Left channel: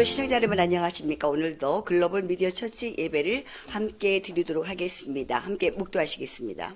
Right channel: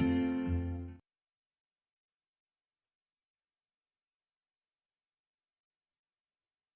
성도 시청자 여러분 안녕하십니까? 오늘도 글로벌 미디어 처치 예배를 함께 드리도록 하겠습니다. 함께 묵도하시겠습니다.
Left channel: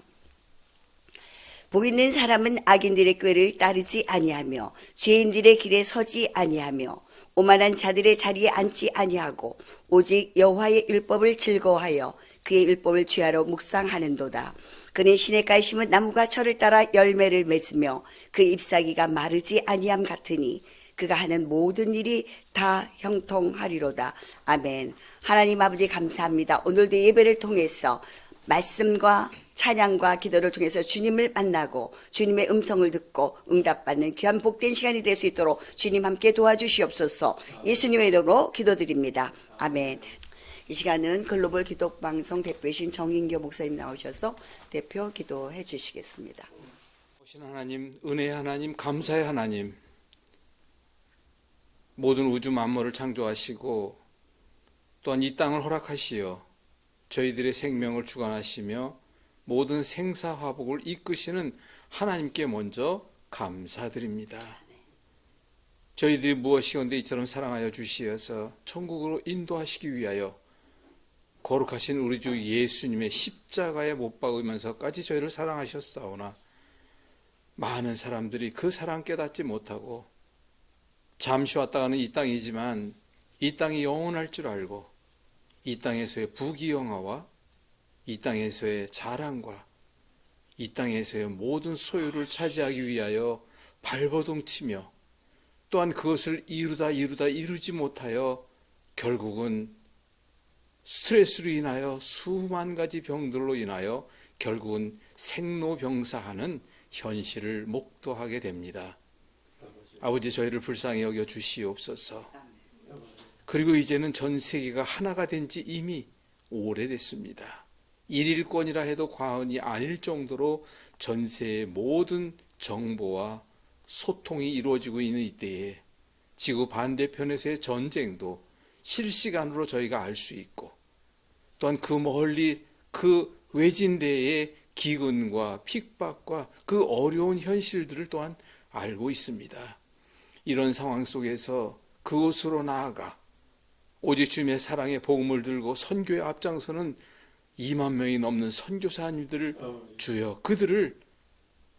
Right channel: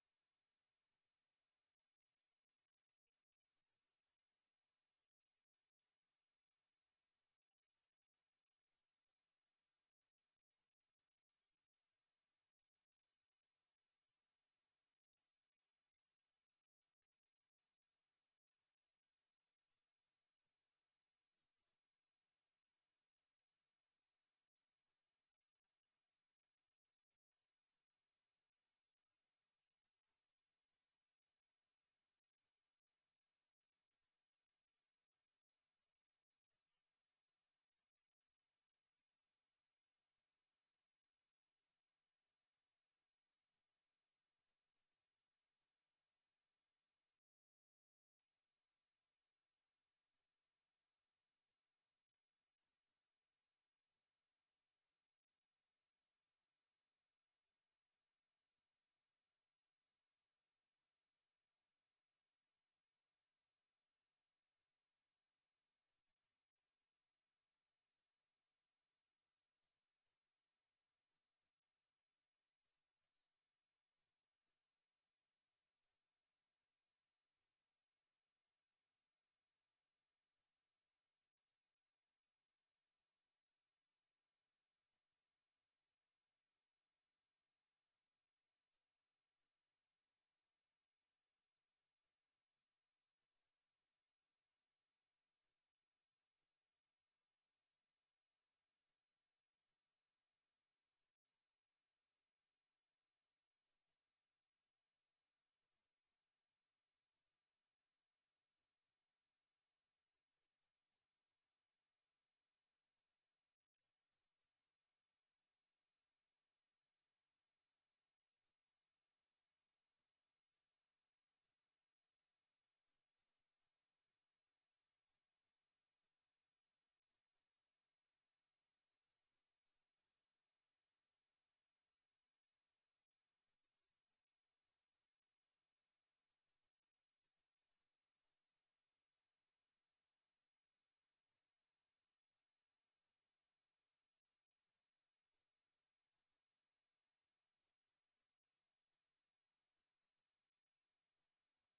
복 있는 사람은 악인들의 꾀를 따르지 아니하며 죄인들의 길에 서지 아니하며 오만한 자들의 자리에 앉지 아니하고 오직 여호와의 율법을 즐거워하여 그의 율법을 취하러 묵상하는도다. 그는 시냇가에 심은 나무가 철을 따라 열매를 맺으며 그 잎사귀가 마르지 아니함 같으니 그가 하는 모든 일이 다 형통하리로다. 아멘. 하나님 아버지 감사합니다. 오늘도 예배를 통해서 말씀과 찬양과 기도를 통해서 주님을 만나고 주님의 음성을 듣고 응답받는 귀한 복된 시간이 될 수 있도록 주님 함께 도와주시옵소서. 예수님의 이름으로 기도드립니다. 아멘. 이 시간은 글로벌 기독방송 대표이신 정인교 목사님 나오셔서 대표 기도해 주시겠습니다. 오신 하나님, 은혜의 하나님, 감사의 하나님, 모든 우주 만물을 창조하시고 또한 이 땅을 허락하시어 저희들의 생명을 주관하시며 모든 생사화복을 이끄시는 하나님께 먼저 감사드립니다. 저희들이 무엇이건데 이처럼 사랑하여 주시어서 천국으로 인도하시기 위하여 거룩하신 우리 주 예수님의 십자가에 못 박으면서까지 저희를 사랑하셨사오나 많은 사람들이 그 사랑 깨닫지 못하고 잠시 왔다 가는 이 땅이지만 이 땅이 영원할 줄 알고 이 땅에서의 부귀영화와 이 땅에서의 자랑과 이 땅에서의 모든 소유를 차지하기 위하여 발버둥치며 또한 그것을 이루지 못하여 결국은 스트레스로 인하여 수만 가지 병들로 인하여 결국은 생로병사하는 현실을 목도하게 됩니다. 아버지, 저희를 불쌍히 여겨 주시옵소서. 그리고 이제는 전 세계가 하나가 된 지 이미 오래됐습니다. 일일권이라 해도 과언이 아닐 정도로 전세의 모든 정보와 소통이 이루어지고 있는 이때에 지구 반대편에서의 전쟁도 실시간으로 저희가 알 수 있고 또한 그 멀리 그 외진데의 기근과 핍박과 그 어려운 현실들을 또한 알고 있습니다. 이런 상황 속에서 그곳으로 나아가 오직 주님의 사랑의 복음을 들고 선교에 앞장서는 2만 명이 넘는 선교사님들을 주여 그들을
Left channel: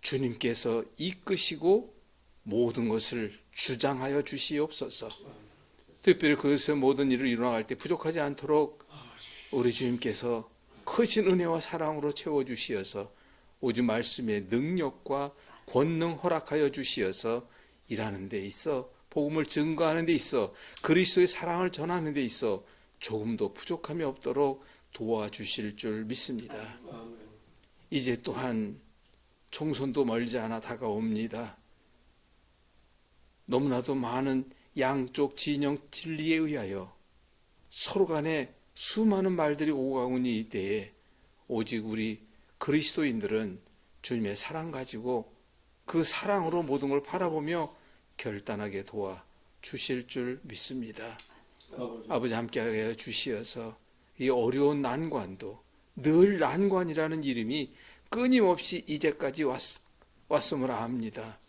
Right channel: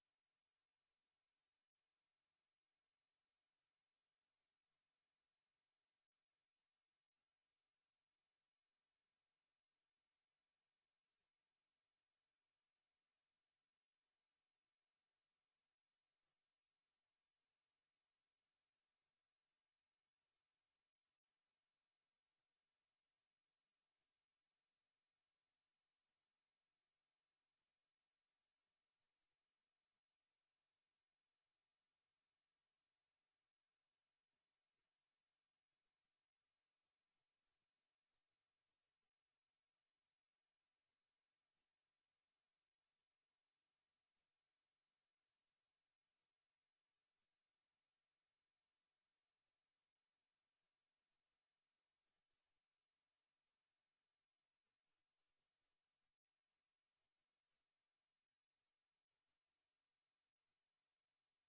주님께서 이끄시고 모든 것을 주장하여 주시옵소서. 특별히 그것의 모든 일을 이루어갈 때 부족하지 않도록 우리 주님께서 크신 은혜와 사랑으로 채워주시어서 오직 말씀의 능력과 권능 허락하여 주시어서 일하는 데 있어 복음을 증거하는 데 있어 그리스도의 사랑을 전하는 데 있어 조금도 부족함이 없도록 도와주실 줄 믿습니다. 이제 또한 총선도 멀지 않아 다가옵니다. 너무나도 많은 양쪽 진영 진리에 의하여 서로 간에 수많은 말들이 오고 가고 있는 이때에 오직 우리 그리스도인들은 주님의 사랑 가지고 그 사랑으로 모든 걸 바라보며 결단하게 도와주실 줄 믿습니다. 아버지 함께하여 주시어서 이 어려운 난관도 늘 난관이라는 이름이 끊임없이 이제까지 왔음을 압니다.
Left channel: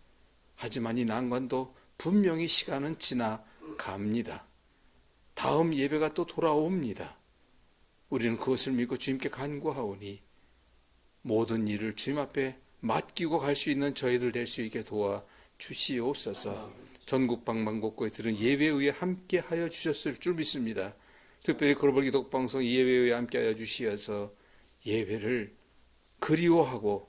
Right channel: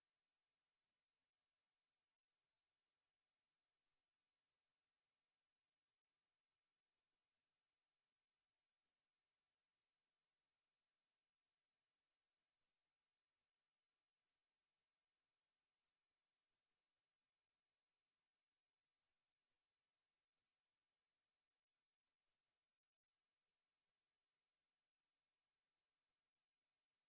하지만 이 난관도 분명히 시간은 지나갑니다. 다음 예배가 또 돌아옵니다. 우리는 그것을 믿고 주님께 간구하오니 모든 일을 주님 앞에 맡기고 갈 수 있는 저희들 될 수 있게 도와주시옵소서. 전국 방방곡곡에 들은 예배에 의해 함께하여 주셨을 줄 믿습니다. 특별히 글로벌 기독방송 예배에 의해 함께하여 주시어서 예배를 그리워하고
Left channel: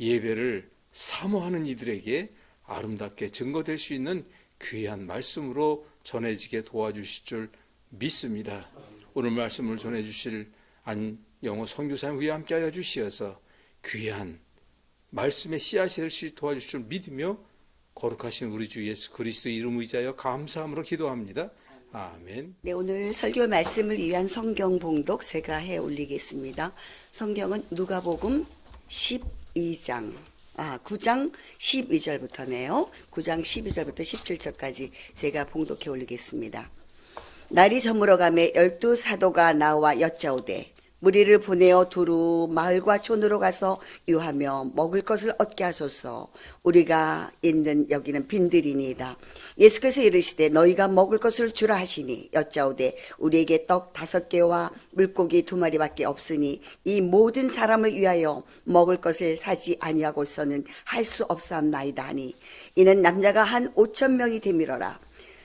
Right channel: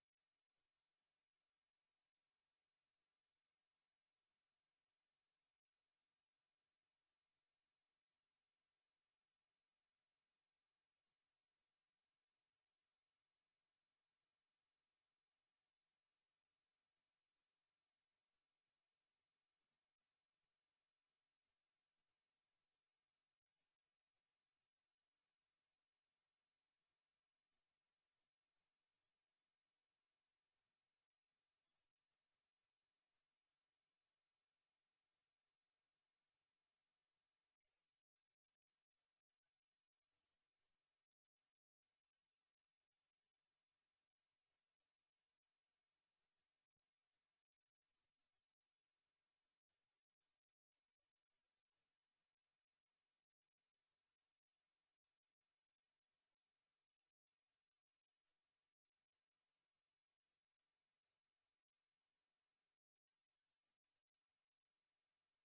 예배를 사모하는 이들에게 아름답게 증거될 수 있는 귀한 말씀으로 전해지게 도와주실 줄 믿습니다. 오늘 말씀을 전해주실 안영호 선교사님 위에 함께하여 주시어서 귀한 말씀의 씨앗이 될 수 있도록 도와주실 줄 믿으며 거룩하신 우리 주 예수 그리스도 이름 의지하여 감사함으로 기도합니다. 아멘. 네, 오늘 설교 말씀을 위한 성경 봉독 제가 해 올리겠습니다. 성경은 누가복음 9장 12절부터네요. 9장 12절부터 17절까지 제가 봉독해 올리겠습니다. 날이 저물어가매 12 사도가 나와 여짜오되 무리를 보내어 두루 마을과 촌으로 가서 유하며 먹을 것을 얻게 하소서. 우리가 있는 여기는 빈들이니이다. 예수께서 이르시되 너희가 먹을 것을 주라 하시니 여짜오되 우리에게 떡 5개와 물고기 2마리밖에 없으니 이 모든 사람을 위하여 먹을 것을 사지 아니하고서는 할 수 없사옵나이다 하니 이는 남자가 한 5,000명이 되밀어라.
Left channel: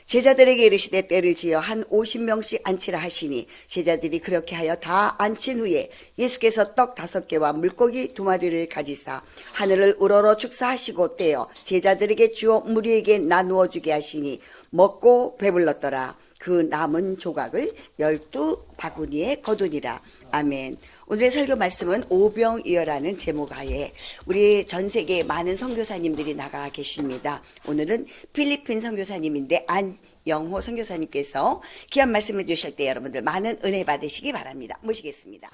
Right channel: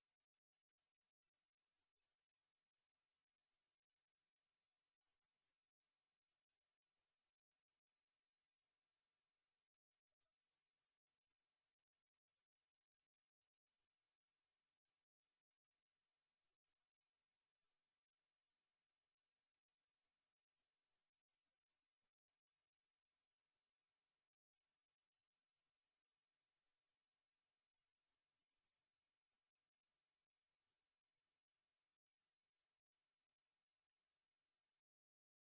제자들에게 이르시되 때를 지어 한 50명씩 앉히라 하시니 제자들이 그렇게 하여 다 앉힌 후에 예수께서 떡 5개와 물고기 2마리를 가지사 하늘을 우러러 축사하시고 떼어 제자들에게 주어 무리에게 나누어 주게 하시니 먹고 배불렀더라. 그 남은 조각을 12바구니에 거두니라. 아멘. 오늘의 설교 말씀은 오병이어라는 제목하에 우리 전 세계 많은 선교사님들이 나가 계십니다. 오늘은 필리핀 선교사님인데 안영호 선교사님께서 귀한 말씀해 주실 때 여러분들 많은 은혜 받으시기 바랍니다. 모시겠습니다.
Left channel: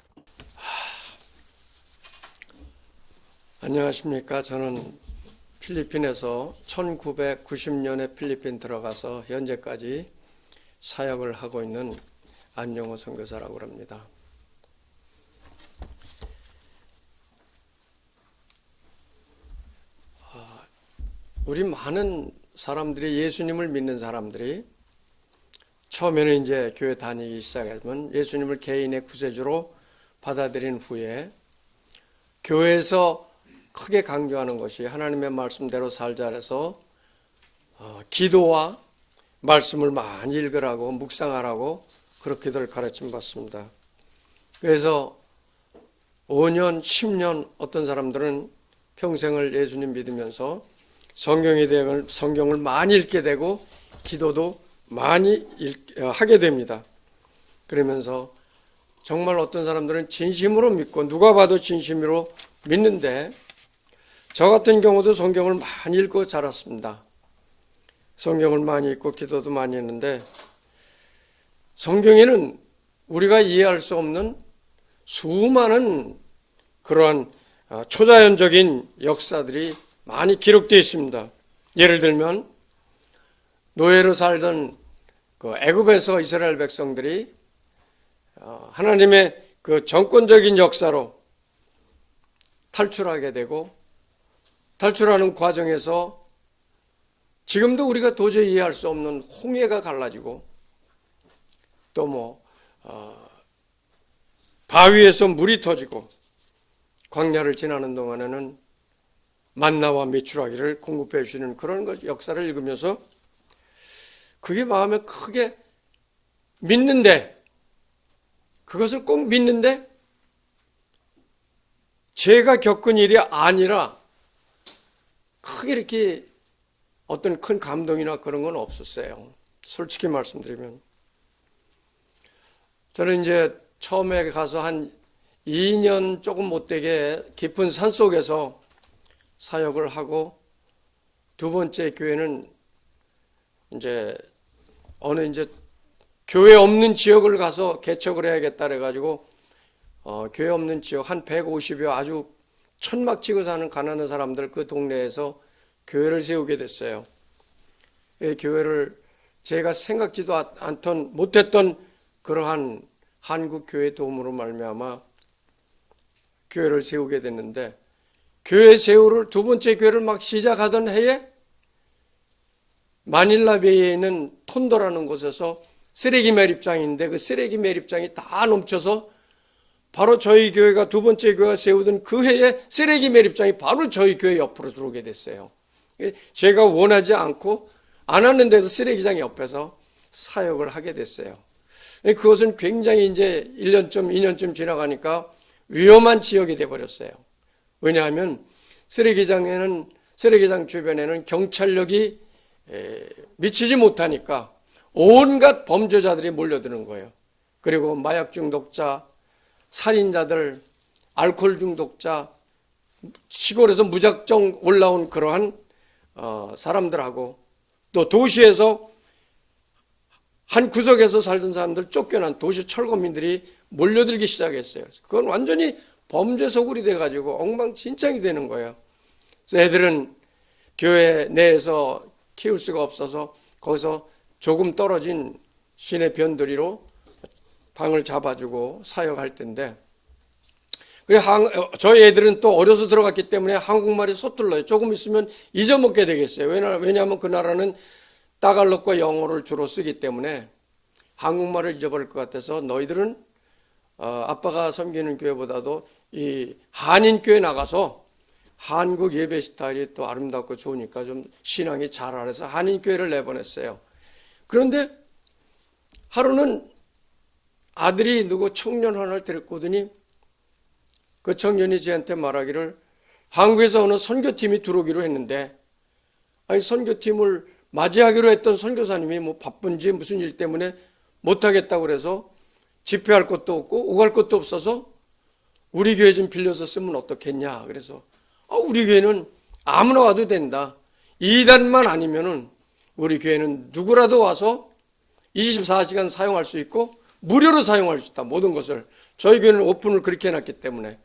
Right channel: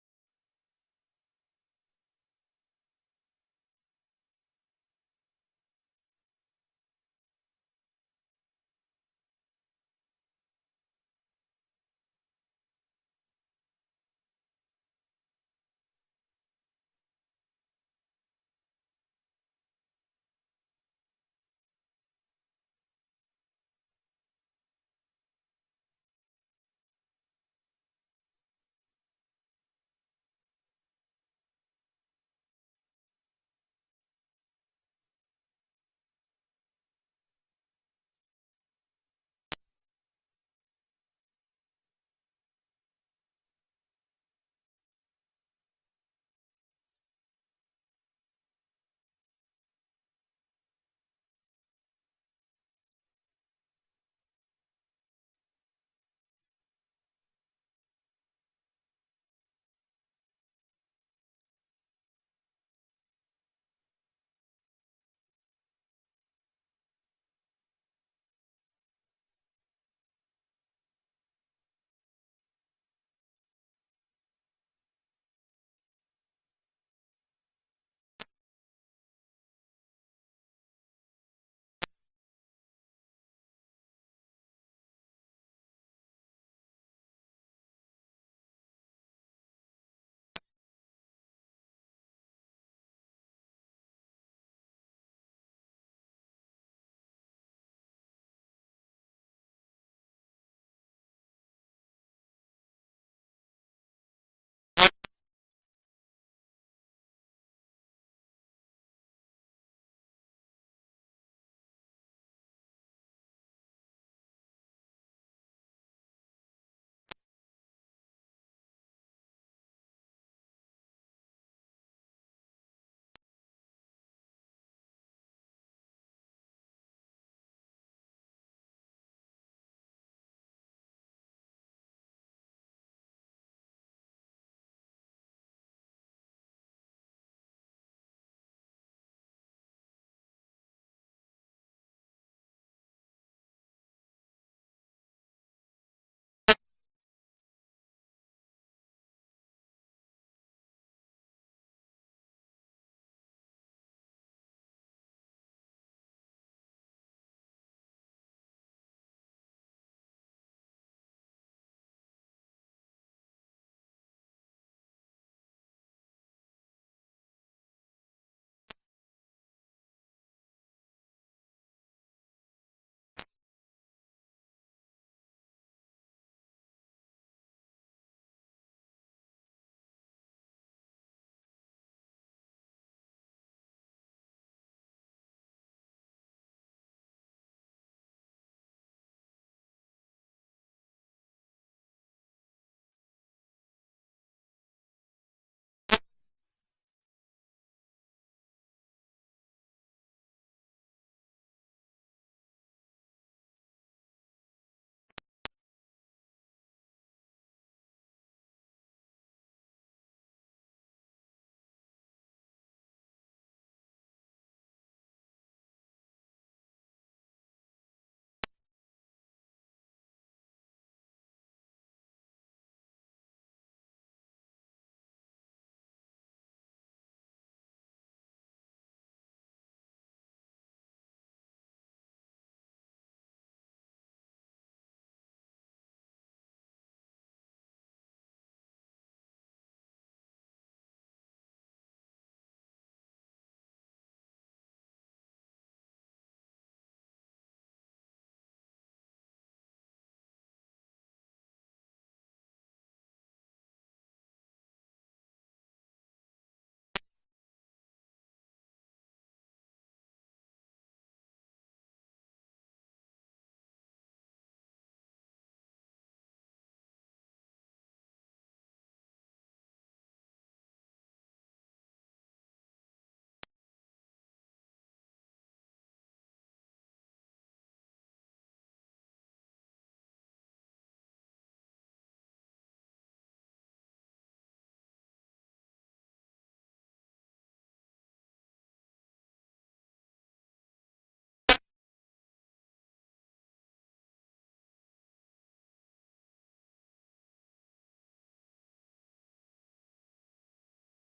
안녕하십니까. 저는 필리핀에서 1990년에 필리핀 들어가서 현재까지 사역을 하고 있는 안영호 선교사라고 합니다. 우리 많은 사람들이, 예수님을 믿는 사람들이 처음에는 이제 교회 다니기 시작하면 예수님을 개인의 구세주로 받아들인 후에 교회에서 크게 강조하는 것이 하나님의 말씀대로 살자 해서 기도와 말씀을 많이 읽으라고, 묵상하라고 그렇게들 가르침 받습니다. 그래서 5년, 10년 어떤 사람들은 평생을 예수님 믿으면서 성경을 많이 읽게 되고 기도도 많이 하게 됩니다. 그러면서 정말 어떤 사람들은 진심으로 믿고 누가 봐도 진심으로 믿는데 저 같은 경우도 성경을 많이 읽고 자랐습니다. 성경을 많이 읽고 기도도 많이 했는데 성경에는 우리가 이해할 수 없는 수많은 그러한 초자연적인 역사들이 많이 기록되어 있습니다. 예를 들면 노예로 살던 그 애굽에서 이스라엘 백성들이 하나님의 그 정권적인 역사로 탈출하게 되고 탈출하는 과정에서 지금도 우리가 도저히 이해할 수 없는 홍해가 갈라지고 또 바위에서 물이 터지고 광야를 지나는 동안에는 만나와 메추라기를 공급해 주시는 그런 역사를 읽으면서 그게 마음에 크게 믿는데, 그것을 꼭 믿는데 제가 겪은 일이 아니라 크게 이렇게 어떤 큰 감동이나 그런 건 없었어요. 솔직히 말씀드리면 저는 이제 처음에 가서 한 2년 조금 못되게 깊은 산속에서 사역을 하고 두 번째 교회는 이제 어느 이제 교회 없는 지역을 가서 개척을 해야겠다 그래가지고 교회 없는 지역 한 150여 아주 천막 치고 사는 가난한 사람들 그 동네에서 교회를 세우게 됐어요. 이 교회를 제가 생각지도 못했던 그러한 한국 교회 도움으로 말미암아 교회를 세우게 됐는데 교회 세우를 두 번째 교회를 막 시작하던 해에 마닐라베이에 있는 톤도라는 곳에서 쓰레기 매립장인데 그 쓰레기 매립장이 다 넘쳐서 바로 저희 교회가 두 번째 교회가 세우던 그 해에 쓰레기 매립장이 바로 저희 교회 옆으로 들어오게 됐어요. 제가 원하지 않고 안 왔는데도 쓰레기장 옆에서 사역을 하게 됐어요. 그것은 굉장히 이제 1년쯤 2년쯤 지나가니까 위험한 지역이 돼버렸어요. 왜냐하면 쓰레기장 주변에는 경찰력이 미치지 못하니까 온갖 범죄자들이 몰려드는 거예요. 그리고 마약 중독자, 살인자들, 알코올 중독자, 시골에서 무작정 올라온 그러한 사람들하고 또 도시에서 한 구석에서 살던 사람들 쫓겨난 도시 철거민들이 몰려들기 시작했어요. 그건 완전히 범죄 소굴이 돼가지고 엉망진창이 되는 거예요. 그래서 애들은 교회 내에서 키울 수가 없어서 거기서 조금 떨어진 시내 변두리로 방을 잡아주고 사역할 텐데 그래 저희 애들은 또 어려서 들어갔기 때문에 한국말이 서툴러요. 조금 있으면 잊어먹게 되겠어요. 왜냐하면 그 나라는 따갈록과 영어를 주로 쓰기 때문에 한국말을 잊어버릴 것 같아서 너희들은 아빠가 섬기는 교회보다도 이 한인교회 나가서 한국 예배 스타일이 또 아름답고 좋으니까 좀 신앙이 잘 알아서 한인교회를 내보냈어요. 그런데 하루는 아들이 누구 청년 하나를 데리고 오더니 그 청년이 저한테 말하기를 한국에서 어느 선교팀이 들어오기로 했는데 아니 선교팀을 맞이하기로 했던 선교사님이 뭐 바쁜지 무슨 일 때문에 못하겠다고 그래서 집회할 것도 없고 오갈 것도 없어서 우리 교회 좀 빌려서 쓰면 어떻겠냐. 그래서 우리 교회는 아무나 와도 된다. 이단만 아니면은 우리 교회는 누구라도 와서 24시간 사용할 수 있고 무료로 사용할 수 있다. 모든 것을. 저희 교회는 오픈을 그렇게 해놨기 때문에.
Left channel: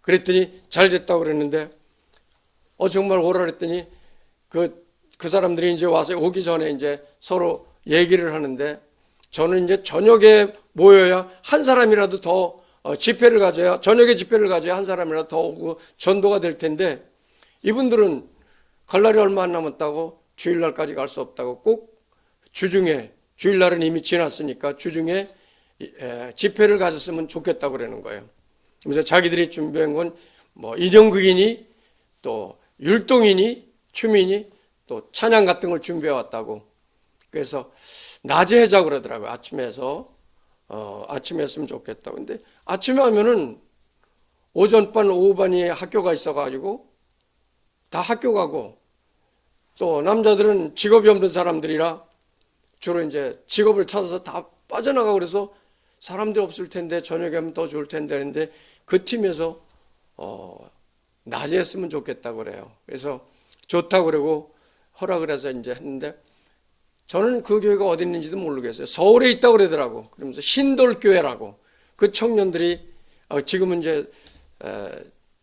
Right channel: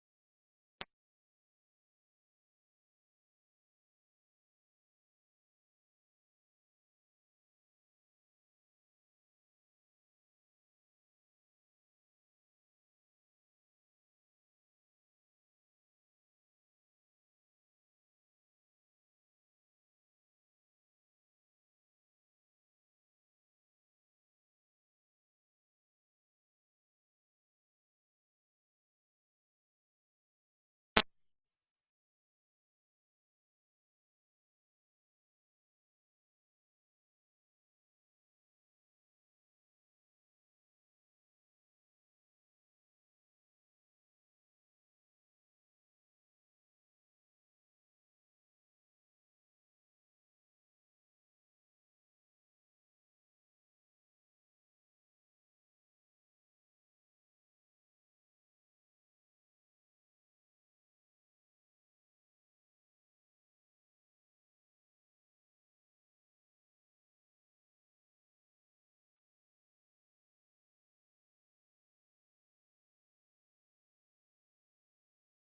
그랬더니 잘 됐다고 그랬는데 정말 오라 그랬더니 그 사람들이 이제 와서 오기 전에 이제 서로 얘기를 하는데 저는 이제 저녁에 모여야 한 사람이라도 더 집회를 가져야 저녁에 집회를 가져야 한 사람이라도 더 오고 전도가 될 텐데 이분들은 갈 날이 얼마 안 남았다고 주일날까지 갈 수 없다고 꼭 주중에 주일날은 이미 지났으니까 주중에 집회를 가졌으면 좋겠다고 그러는 거예요. 그래서 자기들이 준비한 건 뭐 인형극이니 또 율동이니 춤이니 또 찬양 같은 걸 준비해 왔다고. 그래서 낮에 하자고 그러더라고요. 아침에 했으면 좋겠다고. 근데 아침에 하면은 오전반 오후반이 학교가 있어가지고 다 학교 가고 또 남자들은 직업이 없는 사람들이라 주로 이제 직업을 찾아서 다 빠져나가고 그래서 사람들이 없을 텐데 저녁에 하면 더 좋을 텐데 했는데 그 팀에서 낮에 했으면 좋겠다고 그래요. 그래서 좋다고 그러고 허락을 해서 이제 했는데 저는 그 교회가 어디 있는지도 모르겠어요. 서울에 있다고 그러더라고. 그러면서 신돌교회라고. 그 청년들이 지금은 이제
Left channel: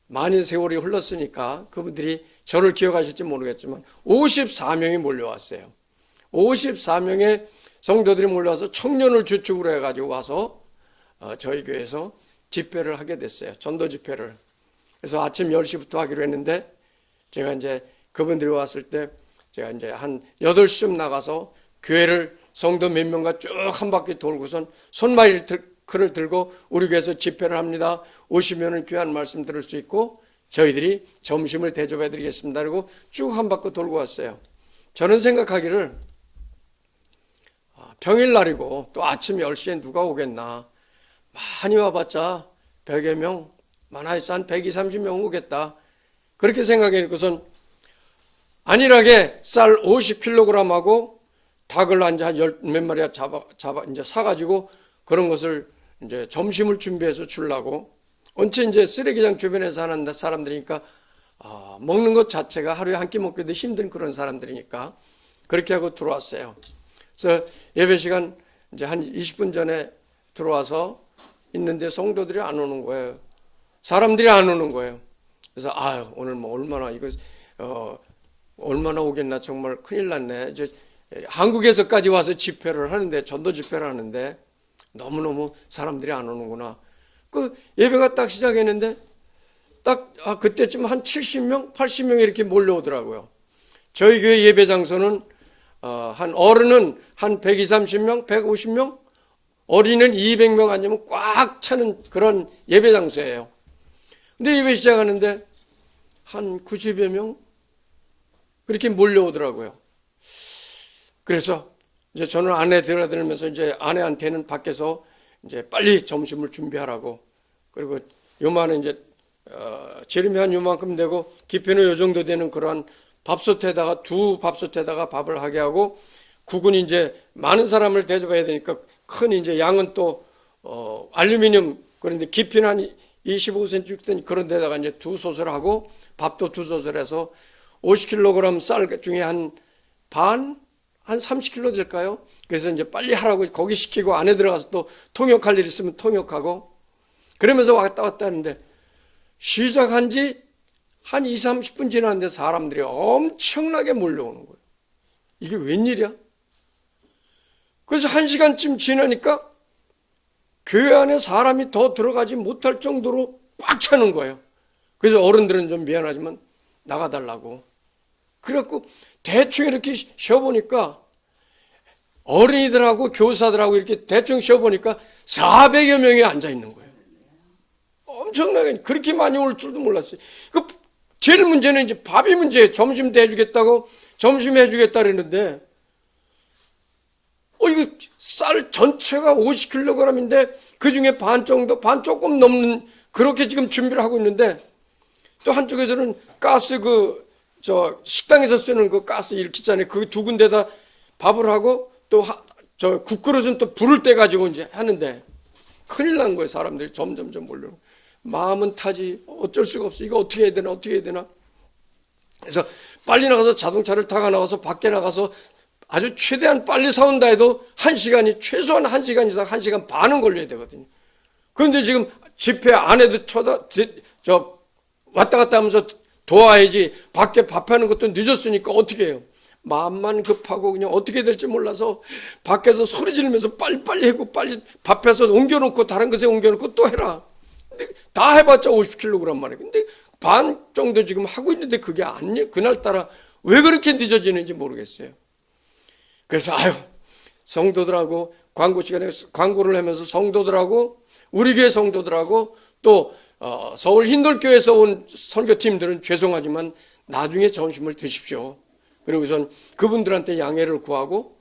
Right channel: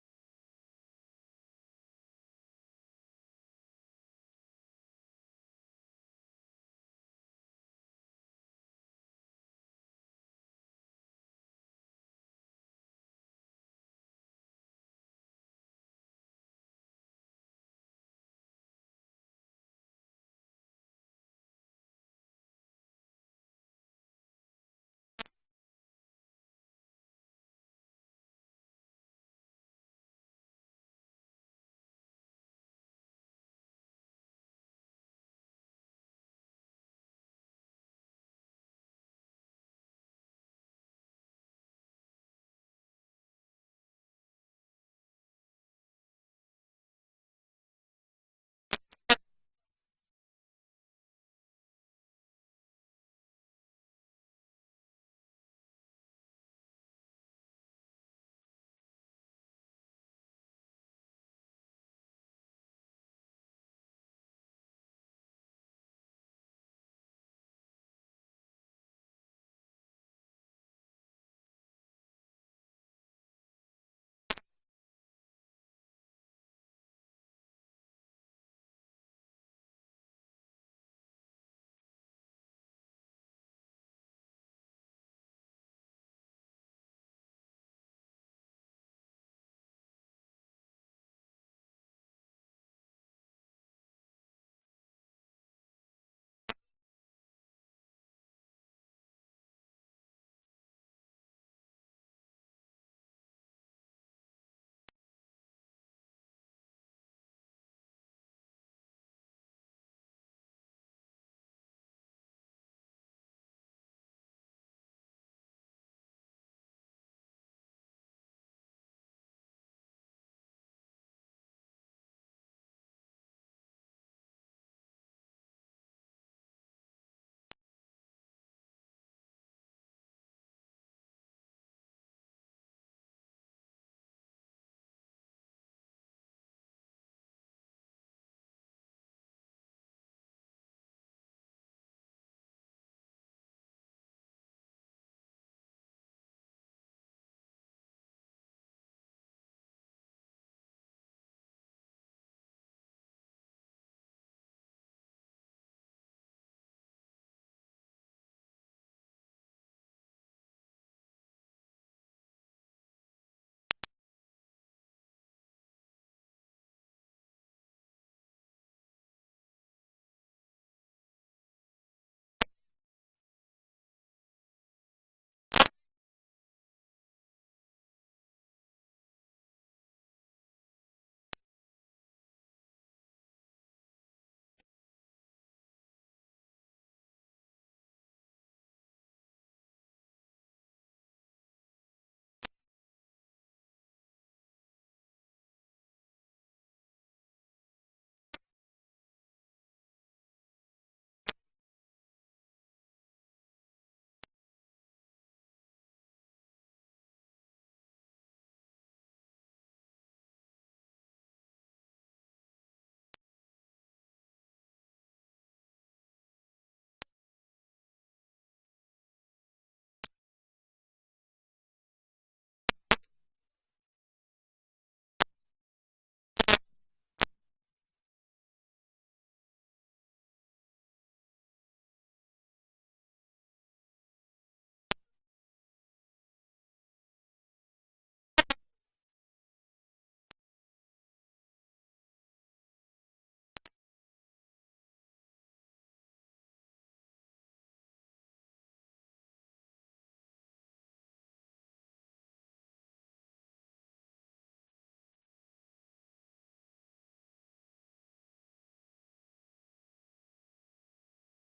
많은 세월이 흘렀으니까 그분들이 저를 기억하실지 모르겠지만 54명이 몰려왔어요. 54명의 성도들이 몰려와서 청년을 주축으로 해가지고 와서 저희 교회에서 집회를 하게 됐어요. 전도 집회를. 그래서 아침 10시부터 하기로 했는데 제가 이제 그분들이 왔을 때 제가 이제 한 8시쯤 나가서 교회를 성도 몇 명과 쭉 한 바퀴 돌고선 손마이크를 들고 우리 교회에서 집회를 합니다. 오시면은 귀한 말씀 들을 수 있고 저희들이 점심을 대접해 드리겠습니다. 그리고 쭉 한 바퀴 돌고 왔어요. 저는 생각하기를 평일날이고 또 아침 10시에 누가 오겠나. 많이 와봤자 100여 명, 많아서 한 120, 30명 오겠다. 그렇게 생각해놓고선 안일하게 쌀 50kg하고 닭을 한 몇 마리 이제 사가지고 그런 것을 이제 점심을 준비해서 주려고. 언제 이제 쓰레기장 주변에서 사는 사람들이니까 먹는 것 자체가 하루에 한 끼 먹기도 힘든 그런 사람들이니까 그렇게 하고 들어왔어요. 그래서 예배 시간 이제 한 20분 전에 들어와서 있는데 성도들이 안 오는 거예요. 사람들이 안 오는 거예요. 그래서 오늘 뭐 얼마나 이거 얼마나 오겠나 정말 큰일 났네. 이제 한국에서까지 와서 집회를 하는데 전도 집회를 하는데 너무너무 사람들이 안 오는구나. 그 예배가 딱 시작했는데 딱 그때쯤 한 70명, 80명 이렇게 몰려오더라고요. 저희 교회 예배 장소는 한 어른은 한 120, 30명, 150명, 어린은 200명 앉으면 꽉 차는 그런 예배 장소예요. 근데 예배 시작하는데 한 90여 명 그렇게 몰려오더라고요. 그래서 이제 저는 안에 들어들면서 이제 아내한테는 밖에서 이제 빨리 점심을 준비하라고. 그리고 요만은 이제 재림이 한 요만큼 되고 깊이는 요 정도 되는 그런 밥솥에다가 두 밥솥에다가 밥을 하게 하고 국은 이제 많은 사람을 대접해야 되니까 큰 이제 양은 또 알루미늄 그런데 깊이는 한 25cm 되는 그런 데다가 이제 두 솥을 하고 밥도 두 솥을 해서 50kg 쌀 중에 한 30kg 될까요? 그래서 이제 빨리 하라고 거기 시키고 안에 들어가서 또 통역할 일 있으면 통역하고 그러면서 왔다 하는데 시작한 지 한 20, 30분 지났는데 사람들이 엄청나게 몰려오는 거예요. 이게 웬일이야? 그래서 1시간쯤 지나니까 교회 안에 사람이 더 들어가지 못할 정도로 꽉 차는 거예요. 그래서 어른들은 좀 미안하지만 나가달라고. 그래갖고 대충 이렇게 쉬어보니까 어린이들하고 교사들하고 이렇게 대충 쉬어보니까 400여 명이 앉아있는 거예요. 엄청나게 그렇게 많이 올 줄도 몰랐어요. 그 제일 문제는 이제 밥이 문제예요. 점심도 해주겠다고 점심 해주겠다 그랬는데 이거 쌀 전체가 50kg인데 그중에 반 정도 반 조금 넘는 그렇게 지금 준비를 하고 있는데 또 한쪽에서는 가스 저 식당에서 쓰는 그 가스 일기잖아요. 그 두 군데다 밥을 하고 또 저 국그릇은 또 불을 때 가지고 이제 하는데 큰일 난 거예요. 사람들이 점점점 몰려오고 마음은 타지 어쩔 수가 없어. 이거 어떻게 해야 되나 어떻게 해야 되나. 그래서 빨리 나가서 자동차를 타고 나가서 밖에 나가서 아주 최대한 빨리 사온다 해도 1시간이 최소한 1시간 이상 1시간 반은 걸려야 되거든요. 그런데 지금 집회 안에도 왔다 갔다 하면서 도와야지 밖에 밥하는 것도 늦었으니까 어떻게 해요. 마음만 급하고 그냥 어떻게 될지 몰라서 밖에서 소리 지르면서 빨리빨리 하고 빨리 밥해서 옮겨놓고 다른 것에 옮겨놓고 또 해라. 근데 다 해봤자 50kg 말이에요. 근데 반 정도 지금 하고 있는데 그게 그날따라 왜 그렇게 늦어지는지 모르겠어요. 그래서 성도들하고 광고 시간에 광고를 하면서 성도들하고 우리 교회 성도들하고 또 서울 흰돌교에서 온 선교팀들은 죄송하지만 나중에 점심을 드십시오. 그리고선 그분들한테 양해를 구하고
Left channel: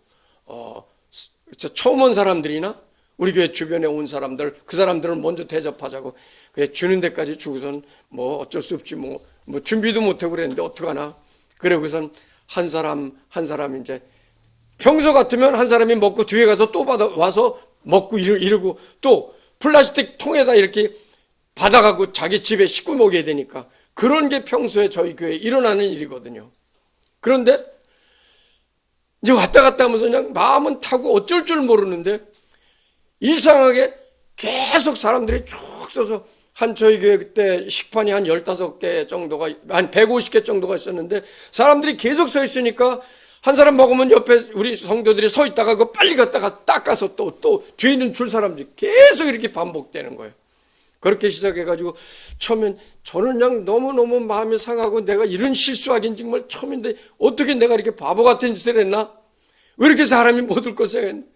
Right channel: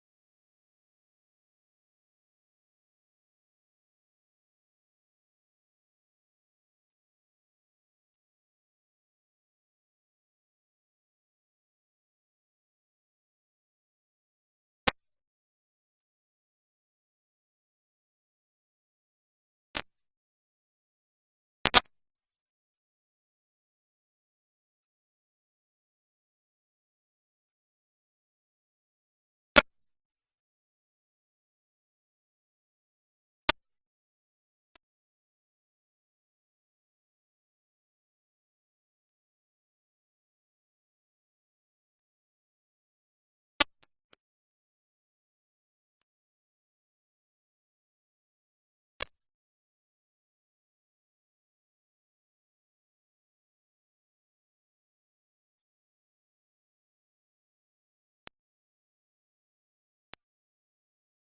처음 온 사람들이나 우리 교회 주변에 온 사람들 그 사람들을 먼저 대접하자고 그래 주는 데까지 주고선 뭐 어쩔 수 없지 뭐 준비도 못하고 그랬는데 어떡하나. 그러고선 한 사람 이제 평소 같으면 한 사람이 먹고 뒤에 가서 또 와서 먹고 이러고 또 플라스틱 통에다 이렇게 받아가고 자기 집에 싣고 먹여야 되니까 그런 게 평소에 저희 교회에 일어나는 일이거든요. 그런데 이제 왔다 갔다 하면서 그냥 마음은 타고 어쩔 줄 모르는데 이상하게 계속 사람들이 쭉 서서 한 저희 교회 그때 식판이 한 15개 정도가 한 150개 정도가 있었는데 사람들이 계속 서 있으니까 한 사람 먹으면 옆에 우리 성도들이 서 있다가 그거 빨리 갔다가 닦아서 또 뒤에 있는 줄 사람들이 계속 이렇게 반복되는 거예요. 그렇게 시작해가지고 처음엔 저는 그냥 너무너무 마음이 상하고 내가 이런 실수하긴 정말 처음인데 어떻게 내가 이렇게 바보 같은 짓을 했나? 왜 이렇게 사람이 못 올 것을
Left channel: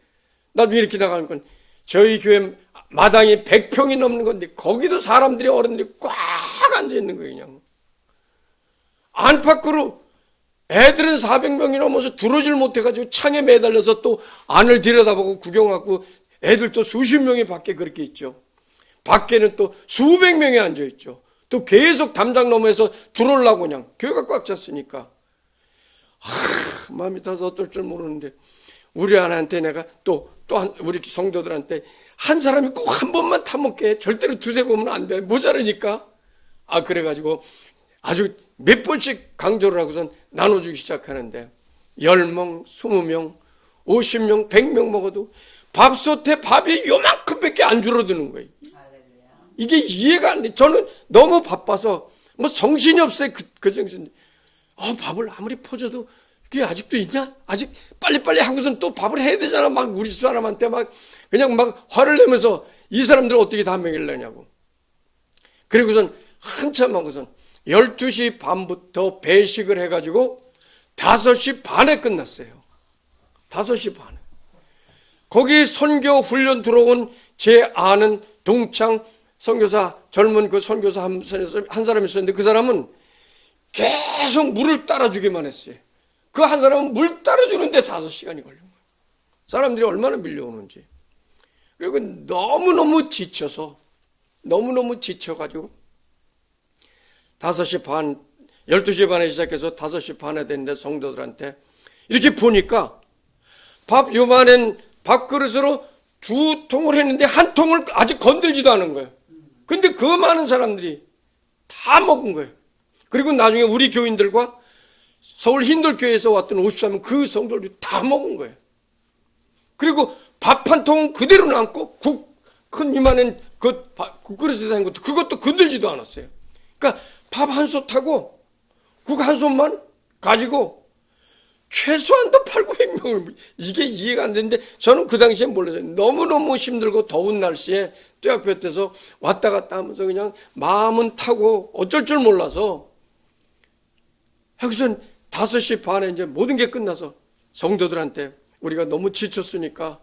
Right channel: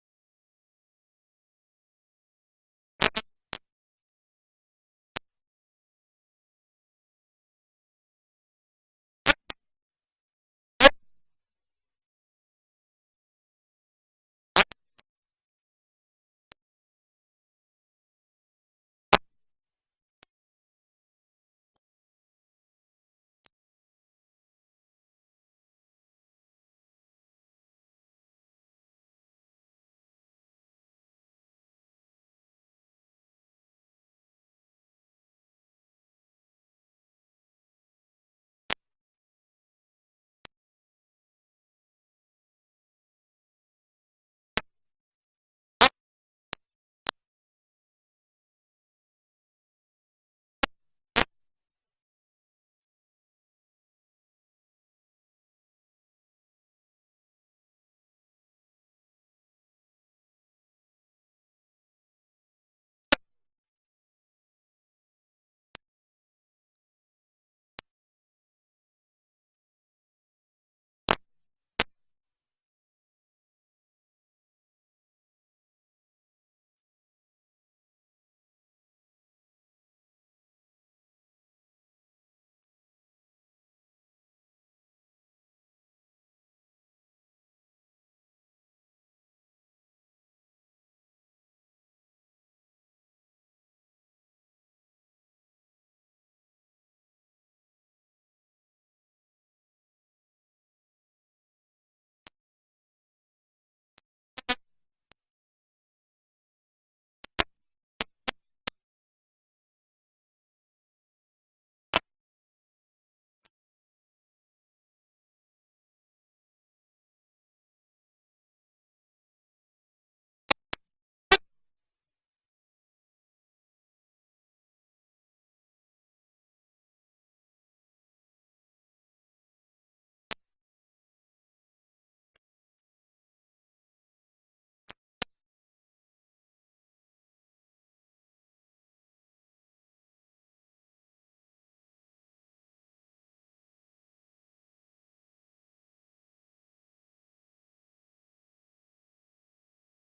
나도 이렇게 나가는 건 저희 교회 마당이 100평이 넘는 건데 거기도 사람들이 어른들이 꽉 앉아있는 거예요. 그냥 안팎으로 애들은 400명이 넘어서 들어오질 못해가지고 창에 매달려서 또 안을 들여다보고 구경하고 애들 또 수십 명이 밖에 그렇게 있죠. 밖에는 또 수백 명이 앉아있죠. 또 계속 담장 너머에서 들어오려고 그냥 교회가 꽉 찼으니까 마음이 타서 어떨 줄 모르는데 우리 아내한테 내가 또 우리 성도들한테 한 사람이 꼭 한 번만 타먹게 절대로 두세 번은 안 돼 모자르니까 그래가지고 아주 몇 번씩 강조를 하고선 나눠주기 시작하는데 10명, 20명, 50명, 100명 먹어도 밥솥에 밥이 요만큼밖에 안 줄어드는 거예요. 이게 이해가 안 돼. 저는 너무 바빠서 뭐 정신이 없어요. 그 정신. 밥을 아무리 퍼줘도 그게 아직도 있냐? 아직 빨리빨리 하고선 또 밥을 해야 되잖아. 막 우리 사람한테 막 그냥 막 화를 내면서 이 사람들 어떻게 다 먹이려냐고. 그리고선 한참 하고선 12시 반부터 배식을 해가지고 5시 반에 끝났어요. 5시 반에. 거기 선교 훈련 들어온 제 아는 동창 선교사 젊은 그 선교사 한 사람이 있었는데 그 사람은 계속 물을 따라주기만 했어요. 그 한 사람은 물 따라주는데 5시간이 걸린 거예요. 사람들이 얼마나 밀려오는지. 그리고 너무너무 지쳐가지고 5시 반, 12시 반에 시작해서 5시 반에 됐는데 성도들한테 이렇게 보니까 요만한 밥그릇으로 2통을 했는데 한 통을 아직 건들지도 않은 거예요. 근데 그 많은 사람들이 다 먹은 거예요. 그리고 나중에 우리 교인들과 서울 흰돌교회에서 왔던 53명 그 성도들이 다 먹은 거예요. 그리고 밥 한 통은 그대로 남고 큰 이만한 국그릇에 된 것도 그것도 건들지도 않았어요. 그러니까 밥 한 솥하고 국 한 솥만 가지고 최소한도 8,900명을 이게 이해가 안 되는데 저는 그 당시에 몰랐어요. 너무너무 힘들고 더운 날씨에 떼학볕에서 왔다 갔다 하면서 그냥 마음은 타고 어쩔 줄 몰라서 여기서 5시 반에 이제 모든 게 끝나서 성도들한테 우리가 너무 지쳤으니까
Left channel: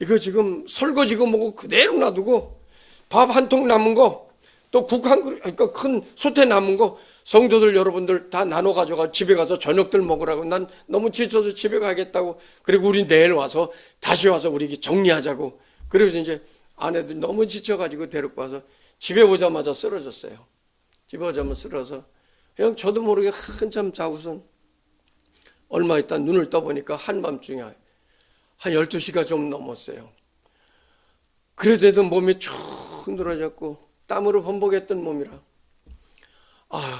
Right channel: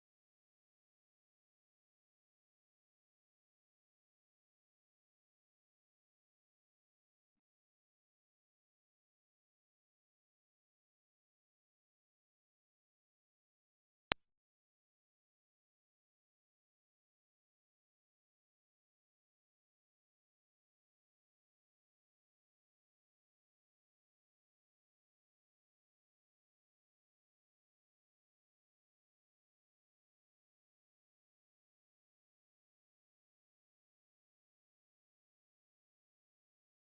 이거 지금 설거지고 뭐고 그대로 놔두고 밥 한 통 남은 거 또 국 한 그릇, 그러니까 큰 솥에 남은 거 성도들 여러분들 다 나눠 가져가 집에 가서 저녁들 먹으라고. 난 너무 지쳐서 집에 가겠다고. 그리고 우리 내일 와서 다시 와서 우리 정리하자고. 그래서 이제 아내들 너무 지쳐가지고 데리고 와서 집에 오자마자 쓰러졌어요. 집에 오자마자 쓰러져서 그냥 저도 모르게 한참 자고선 얼마 있다 눈을 떠보니까 한밤중에 한 12시가 좀 넘었어요. 그래도 몸이 쭉 늘어졌고 땀으로 범벅했던 몸이라 아휴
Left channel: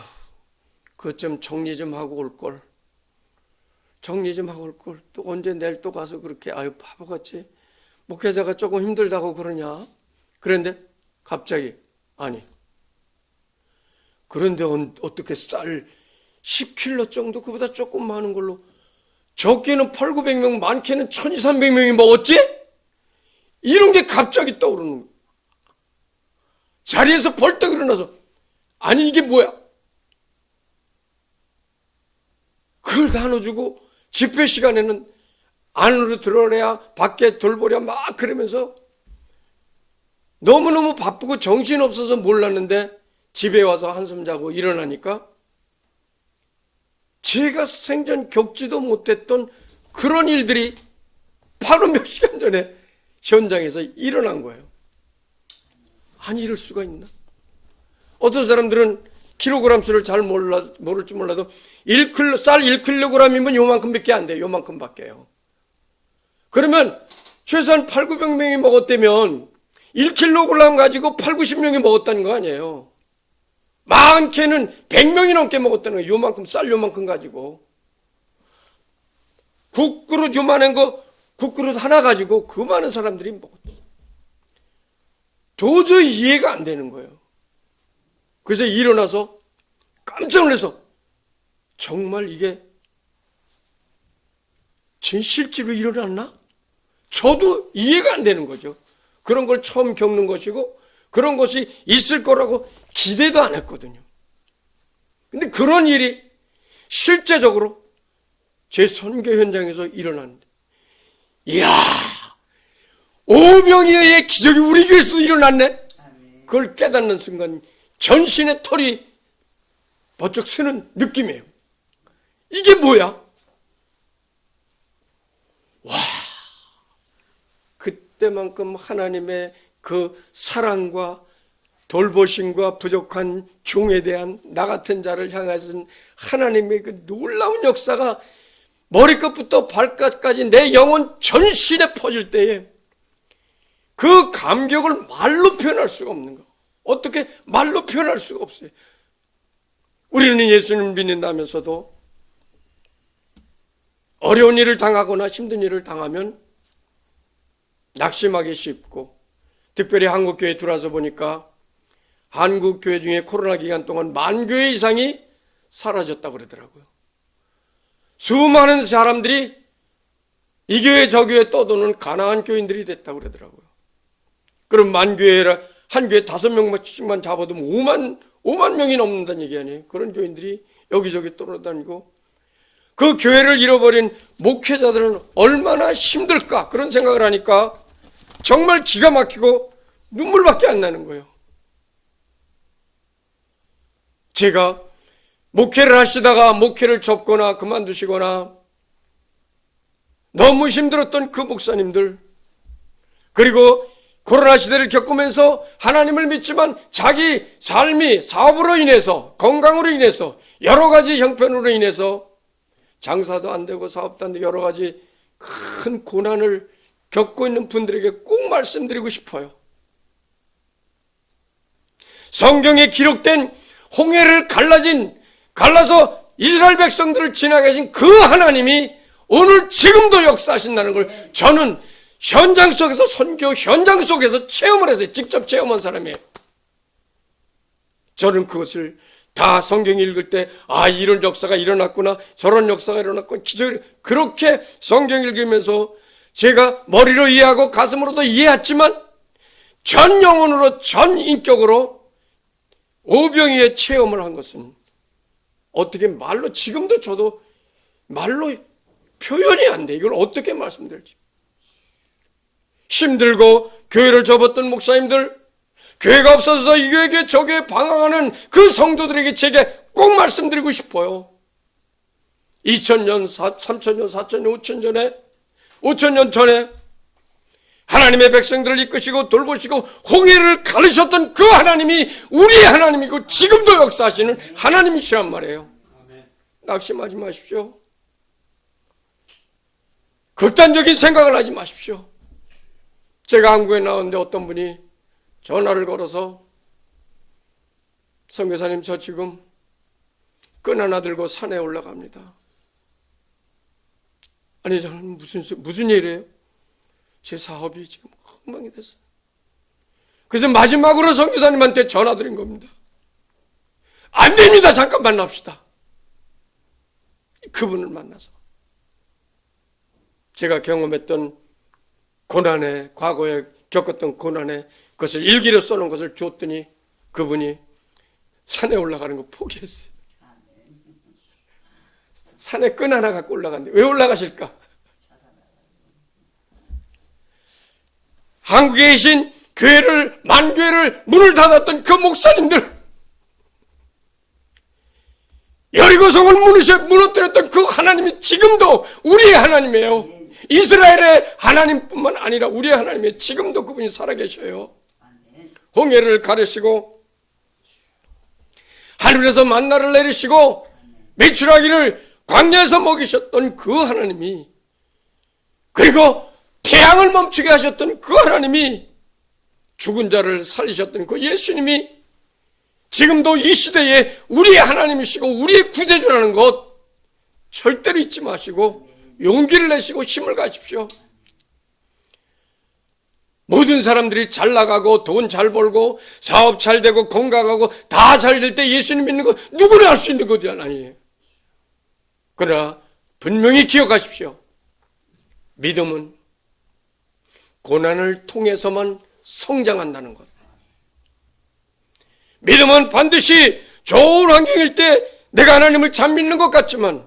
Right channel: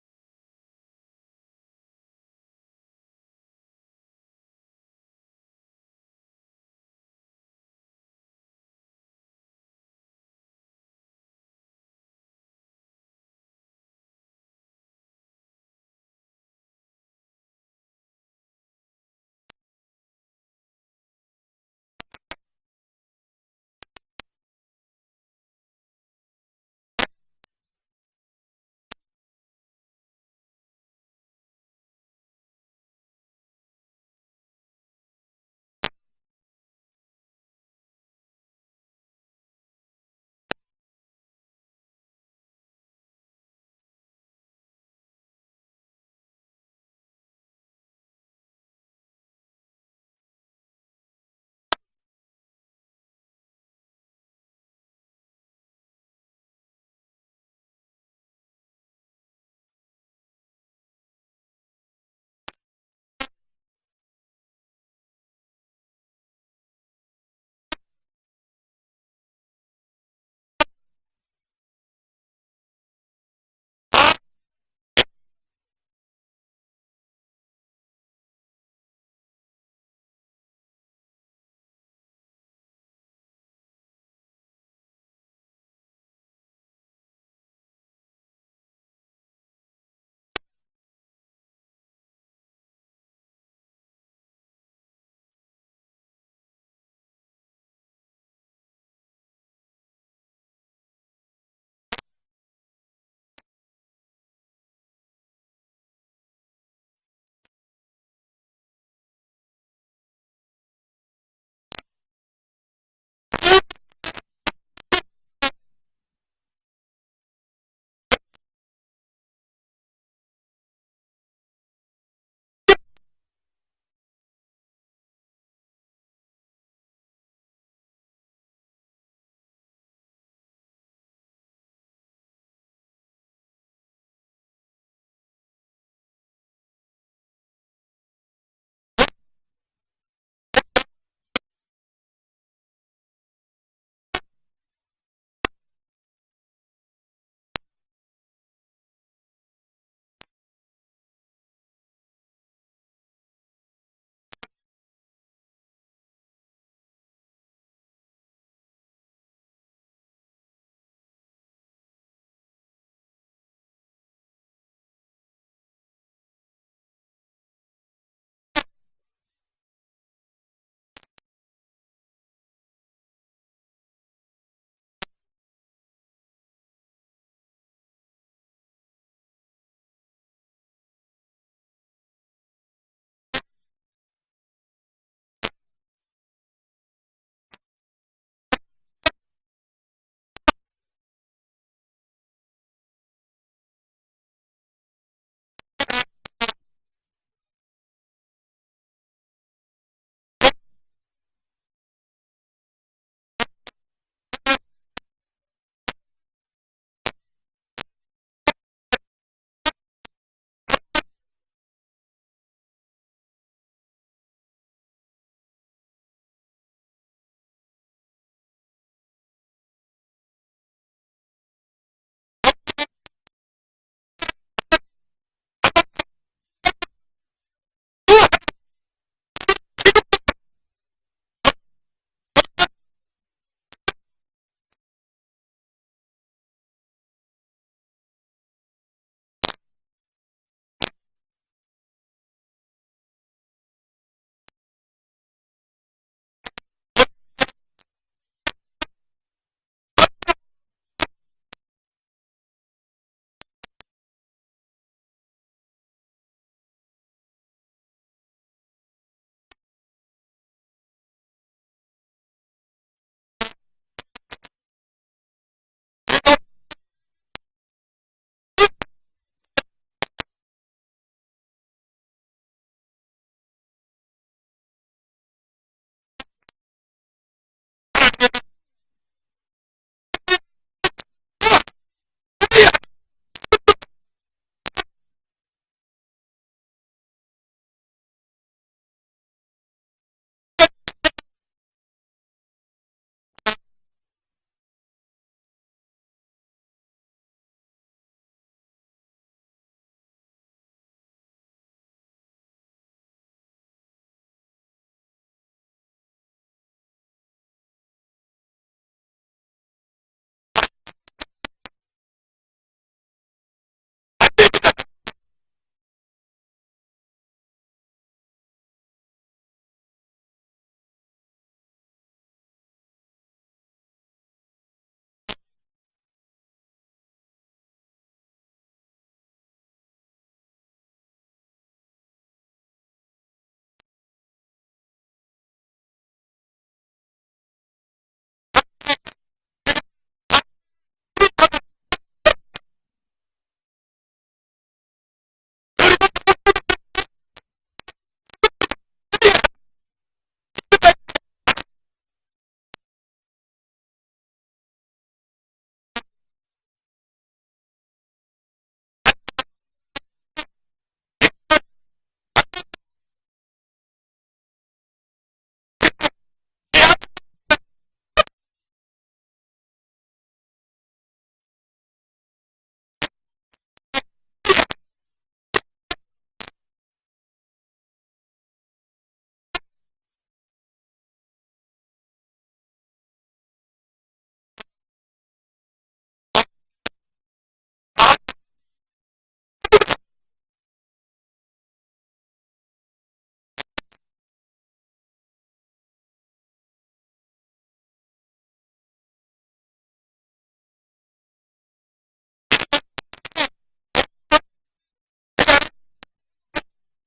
그것 좀 정리 좀 하고 올걸. 정리 좀 하고 올걸. 또 언제 내일 또 가서 그렇게 아유 바보같이 목회자가 조금 힘들다고 그러냐. 그런데 갑자기 아니 그런데 어떻게 쌀 10kg 정도 그보다 조금 많은 걸로 적게는 8,900명 많게는 1,200~1,300명이 먹었지? 이런 게 갑자기 떠오르는 거예요. 자리에서 벌떡 일어나서 아니 이게 뭐야? 그걸 나눠주고 집회 시간에는 안으로 들어오랴 밖에 돌보랴 막 그러면서 너무너무 바쁘고 정신없어서 몰랐는데 집에 와서 한숨 자고 일어나니까 제가 생전 겪지도 못했던 그런 일들이 바로 몇 시간 전에 현장에서 일어난 거예요. 아니 이럴 수가 있나? 어떤 사람들은 킬로그램 수를 잘 모를지 몰라도 쌀 1kg이면 요만큼밖에 안 돼요. 요만큼밖에 해요. 그러면 최소한 8,900명이 먹었다면 1kg 가지고 8,90명이 먹었다는 거 아니에요. 많게는 100명이 넘게 먹었다는 거예요. 요만큼 쌀 요만큼 가지고 국그릇 요만한 거 국그릇 하나 가지고 그 많은 사람들이 먹었어요. 도저히 이해가 안 되는 거예요. 그래서 일어나서 깜짝 놀라서 정말 이게 실제로 일어났나? 저도 이해가 안 되는 거죠. 그런 걸 처음 겪는 것이고 그런 것이 있을 거라고 기대도 안 했거든요. 근데 그런 일이 실제적으로 제 선교 현장에서 일어났는데 이야 오병이어의 기적이 우리 교회에서도 일어났네. 그걸 깨닫는 순간 전신의 털이 버쩍 새는 느낌이에요. 이게 뭐야? 와, 그때만큼 하나님의 그 사랑과 돌보심과 부족한 종에 대한 나 같은 자를 향하신 하나님의 그 놀라운 역사가 머리끝부터 발끝까지 내 영혼 전신에 퍼질 때에 그 감격을 말로 표현할 수가 없는 거. 어떻게 말로 표현할 수가 없어요. 우리는 예수님을 믿는다면서도 어려운 일을 당하거나 힘든 일을 당하면 낙심하기 쉽고, 특별히 한국교회에 들어와서 보니까 한국교회 중에 코로나 기간 동안 10,000교회 이상이 사라졌다고 그러더라고요. 수많은 사람들이 이 교회 저 교회 떠도는 가난한 교인들이 됐다고 그러더라고요. 그럼 10,000교회라 한 교회 5명만 잡아도 5만 명이 넘는다는 얘기 아니에요. 그런 교인들이 여기저기 떠돌아다니고 그 교회를 잃어버린 목회자들은 얼마나 힘들까 그런 생각을 하니까 정말 기가 막히고 눈물밖에 안 나는 거예요. 제가 목회를 하시다가 목회를 접거나 그만두시거나 너무 힘들었던 그 목사님들, 그리고 코로나 시대를 겪으면서 하나님을 믿지만 자기 삶이 사업으로 인해서, 건강으로 인해서, 여러 가지 형편으로 인해서 장사도 안 되고 사업도 안 되고 여러 가지 큰 고난을 겪고 있는 분들에게 꼭 말씀드리고 싶어요. 성경에 기록된 홍해를 갈라서 이스라엘 백성들을 지나게 하신 그 하나님이 오늘 지금도 역사하신다는 걸 저는 현장 속에서, 선교 현장 속에서 체험을 해서 직접 체험한 사람이에요. 저는 그것을 다 성경 읽을 때 이런 역사가 일어났구나, 저런 역사가 일어났구나, 기적이, 그렇게 성경 읽으면서 제가 머리로 이해하고 가슴으로도 이해했지만 전 영혼으로, 전 인격으로 오병이의 체험을 한 것은 어떻게 말로, 지금도 저도 말로 표현이 안 돼. 이걸 어떻게 말씀드릴지. 힘들고 교회를 접었던 목사님들, 교회가 없어서 이 교회에 저 교회에 방황하는 그 성도들에게 제게 꼭 말씀드리고 싶어요. 2000년, 3000년, 4000년, 5000년 전에 하나님의 백성들을 이끄시고 돌보시고 홍해를 가르셨던 그 하나님이 우리의 하나님이고 지금도 역사하시는 하나님이시란 말이에요. 낙심하지 마십시오. 극단적인 생각을 하지 마십시오. 제가 한국에 나왔는데 어떤 분이 전화를 걸어서 선교사님, 저 지금 끈 하나 들고 산에 올라갑니다. 아니, 저는 무슨 일이에요? 제 사업이 지금 엉망이 됐어요. 그래서 마지막으로 선교사님한테 전화 드린 겁니다. 안 됩니다. 잠깐 만납시다. 그분을 만나서 제가 경험했던 고난에, 과거에 겪었던 고난에 그것을 일기로 써놓은 것을 줬더니 그분이 산에 올라가는 거 포기했어요. 산에 끈 하나 갖고 올라갔는데 왜 올라가실까? 한국에 계신 교회를, 만교회를 문을 닫았던 그 목사님들, 여리고성을 무너뜨렸던 그 하나님이 지금도 우리의 하나님이에요. 이스라엘의 하나님뿐만 아니라 우리의 하나님이 지금도 그분이 살아계셔요. 홍해를 가르시고 하늘에서 만나를 내리시고 메추라기를 광야에서 먹이셨던 그 하나님이, 그리고 태양을 멈추게 하셨던 그 하나님이, 죽은 자를 살리셨던 그 예수님이 지금도 이 시대에 우리의 하나님이시고 우리의 구세주라는 것 절대로 잊지 마시고 용기를 내시고 힘을 가십시오. 모든 사람들이 잘 나가고 돈 잘 벌고 사업 잘 되고 건강하고 다 잘 될 때 예수님 믿는 거 누구나 할 수 있는 것이 아니에요. 그러나 분명히 기억하십시오. 믿음은 고난을 통해서만 성장한다는 것. 믿음은 반드시 좋은 환경일 때 내가 하나님을 잘 믿는 것 같지만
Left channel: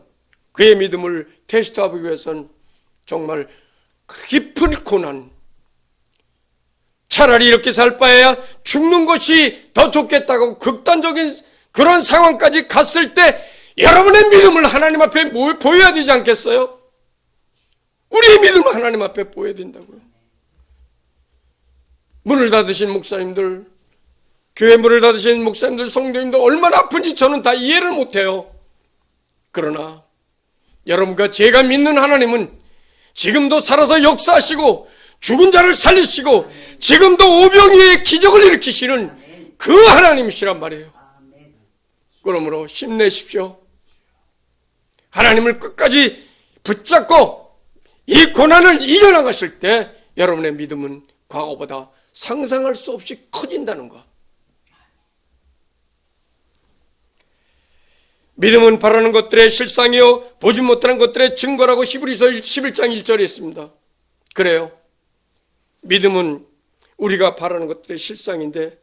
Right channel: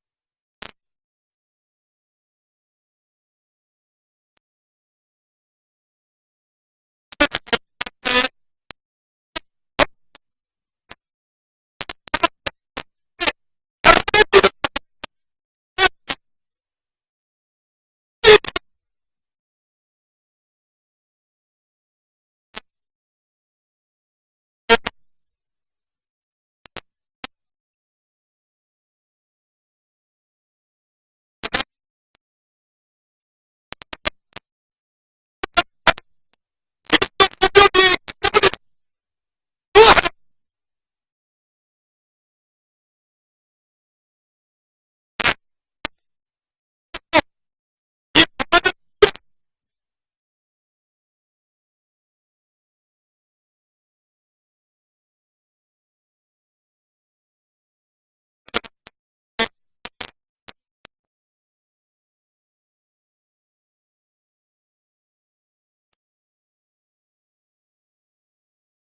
그의 믿음을 테스트하기 위해서는 정말 깊은 고난, 차라리 이렇게 살 바에야 죽는 것이 더 좋겠다고 극단적인 그런 상황까지 갔을 때 여러분의 믿음을 하나님 앞에 보여야 되지 않겠어요? 우리의 믿음을 하나님 앞에 보여야 된다고요. 문을 닫으신 목사님들, 교회 문을 닫으신 목사님들, 성도님들 얼마나 아픈지 저는 다 이해를 못해요. 그러나 여러분과 제가 믿는 하나님은 지금도 살아서 역사하시고 죽은 자를 살리시고 지금도 오병이의 기적을 일으키시는 그 하나님이시란 말이에요. 그러므로 힘내십시오. 하나님을 끝까지 붙잡고 이 고난을 이겨나가실 때 여러분의 믿음은 과거보다 상상할 수 없이 커진다는 것. 믿음은 바라는 것들의 실상이요 보지 못하는 것들의 증거라고 히브리서 11장 1절에 있습니다. 그래요. 믿음은 우리가 바라는 것들의 실상인데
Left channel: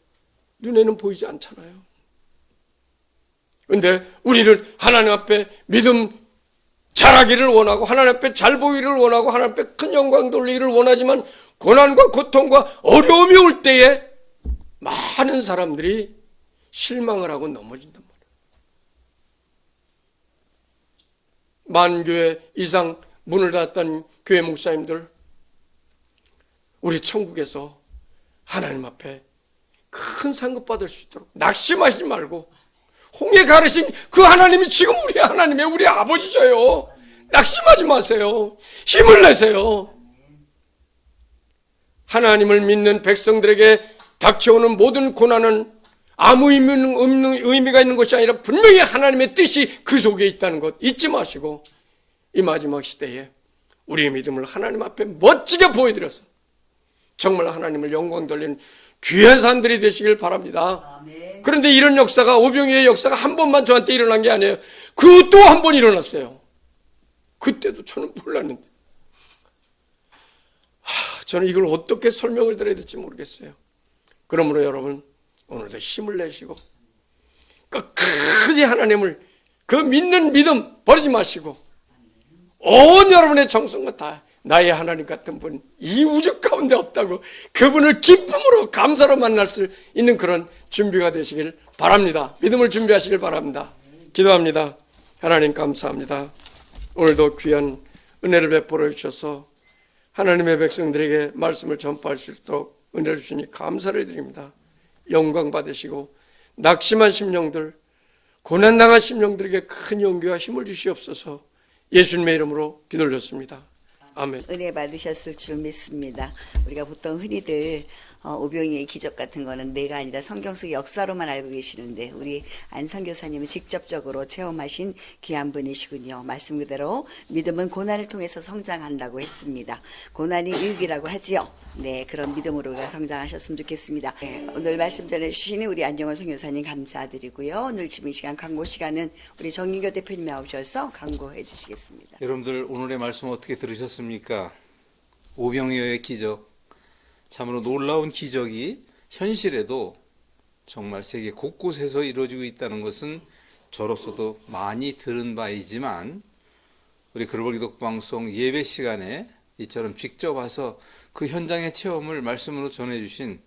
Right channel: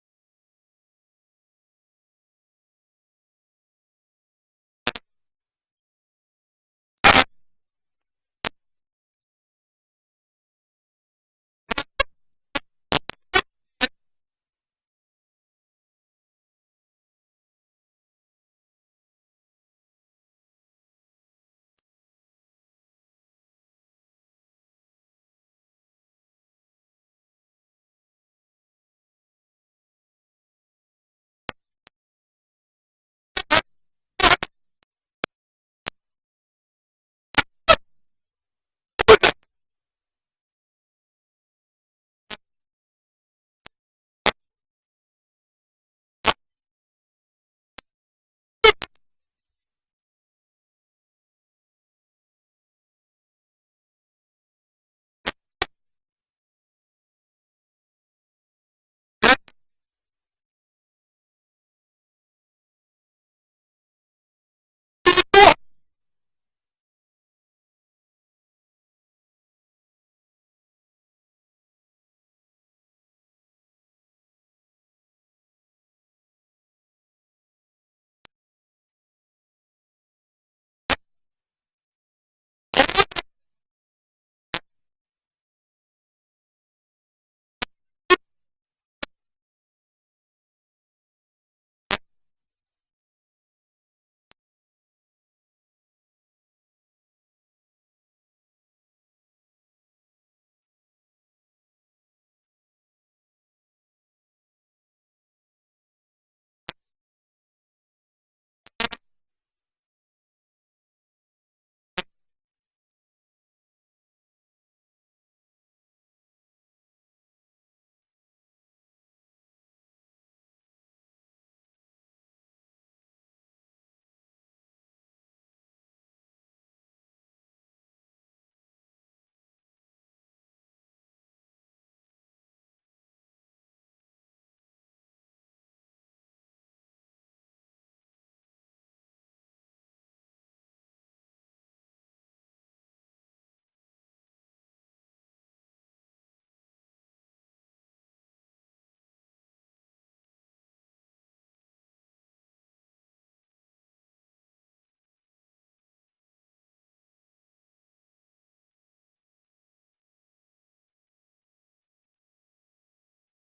눈에는 보이지 않잖아요. 그런데 우리는 하나님 앞에 믿음 잘하기를 원하고 하나님 앞에 잘 보이기를 원하고 하나님 앞에 큰 영광 돌리기를 원하지만 고난과 고통과 어려움이 올 때에 많은 사람들이 실망을 하고 넘어진단 말이에요. 만교회 이상 문을 닫았던 교회 목사님들, 우리 천국에서 하나님 앞에 큰 상급 받을 수 있도록 낙심하지 말고 홍해 가르신 그 하나님이 지금 우리 하나님의 우리 아버지셔요. 낙심하지 마세요. 힘을 내세요. 하나님을 믿는 백성들에게 닥쳐오는 모든 고난은 아무 의미가 있는 것이 아니라 분명히 하나님의 뜻이 그 속에 있다는 것 잊지 마시고 이 마지막 시대에 우리의 믿음을 하나님 앞에 멋지게 보여드려서 정말 하나님을 영광 돌리는 귀한 산들이 되시길 바랍니다. 아멘. 그런데 이런 역사가, 오병이의 역사가 한 번만 저한테 일어난 게 아니에요. 그 또 한 번 일어났어요. 그때도 저는 몰랐는데, 저는 이걸 어떻게 설명을 드려야 될지 모르겠어요. 그러므로 여러분, 오늘도 힘을 내시고 끝까지 하나님을, 그 믿는 믿음 버리지 마시고, 온 여러분의 정성과 다 나의 하나님 같은 분 이 우주 가운데 없다고, 그분을 기쁨으로 감사로 만날 수 있는 그런 준비가 되시길 바랍니다. 믿음을 준비하시길 바랍니다. 기도합니다. 하나님 감사합니다. 오늘도 귀한 은혜를 베풀어 주셔서 하나님의 백성들에게 말씀을 전파할 수 있도록 은혜를 주시니 감사를 드립니다. 영광 받으시고 낙심한 심령들, 고난당한 심령들에게 큰 용기와 힘을 주시옵소서. 예수님의 이름으로 기도드렸습니다. 아멘. 은혜 받으셨을 줄 믿습니다. 우리가 보통 흔히들 오병이의 기적 같은 거는 내가 아니라 성경 속 역사로만 알고 계시는데, 우리 안 선교사님은 직접적으로 체험하신 귀한 분이시군요. 말씀 그대로 믿음은 고난을 통해서 성장한다고 했습니다. 고난이 유익이라고 하지요. 네, 그런 믿음으로 우리가 성장하셨으면 좋겠습니다. 네, 오늘 말씀 전해주시는 우리 안정원 선교사님 감사드리고요. 오늘 지금 이 시간 광고 시간은 우리 정인교 대표님 나오셔서 광고해 주시겠습니다. 여러분들 오늘의 말씀 어떻게 들으셨습니까? 오병이어의 기적, 참으로 놀라운 기적이 현실에도 정말 세계 곳곳에서 이루어지고 있다는 것은 저로서도 많이 들은 바이지만, 우리 글로벌 기독방송 예배 시간에 이처럼 직접 와서 그 현장의 체험을 말씀으로 전해주신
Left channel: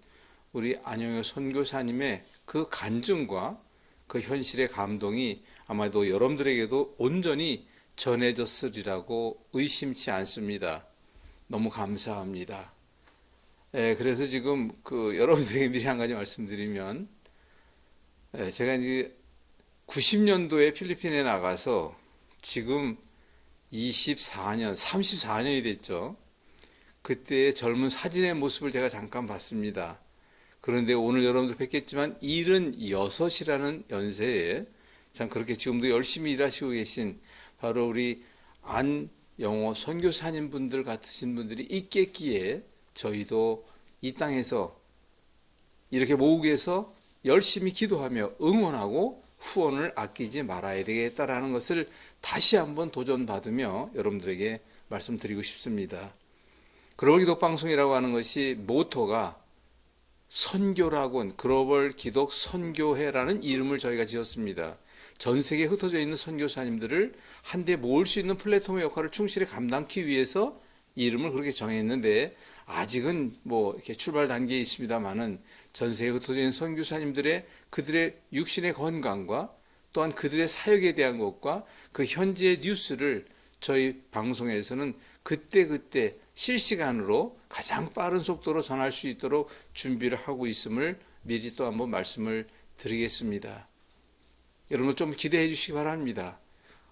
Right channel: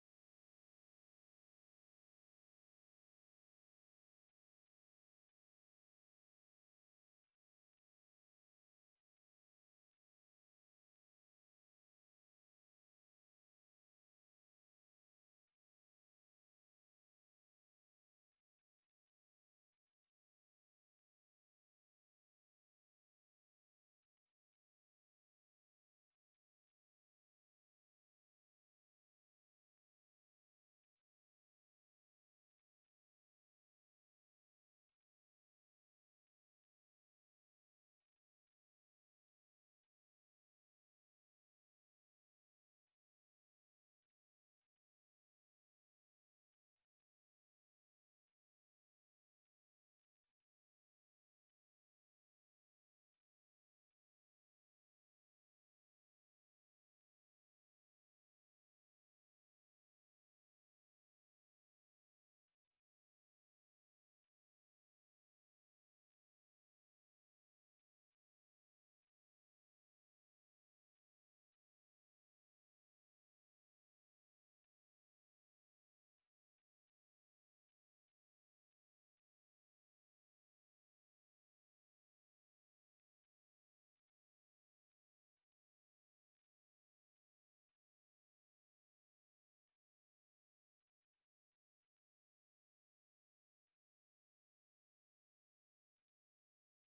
우리 안영효 선교사님의 그 간증과 그 현실의 감동이 아마도 여러분들에게도 온전히 전해졌으리라고 의심치 않습니다. 너무 감사합니다. 그래서 지금 여러분들에게 미리 한 가지 말씀드리면, 제가 이제 90년도에 필리핀에 나가서 지금 24년, 34년이 됐죠. 그때의 젊은 사진의 모습을 제가 잠깐 봤습니다. 그런데 오늘 여러분들 뵙겠지만 76이라는 연세에 참 그렇게 지금도 열심히 일하시고 계신 바로 우리 안영호 선교사님 분들 같으신 분들이 있겠기에 저희도 이 땅에서 이렇게 모국에서 열심히 기도하며 응원하고 후원을 아끼지 말아야 되겠다라는 것을 다시 한번 도전받으며 여러분들에게 말씀드리고 싶습니다. 글로벌 기독 방송이라고 하는 것이 모토가 선교라곤, 글로벌 기독 선교회라는 이름을 저희가 지었습니다. 전 세계에 흩어져 있는 선교사님들을 한데 모을 수 있는 플랫폼의 역할을 충실히 감당하기 위해서 이름을 그렇게 정했는데, 아직은 이렇게 출발 단계에 있습니다만은 전 세계에 흩어져 있는 선교사님들의 그들의 육신의 건강과 또한 그들의 사역에 대한 것과 그 현지의 뉴스를 저희 방송에서는 그때그때 실시간으로 가장 빠른 속도로 전할 수 있도록 준비를 하고 있음을 미리 또 한번 말씀을 드리겠습니다. 여러분 좀 기대해 주시기 바랍니다.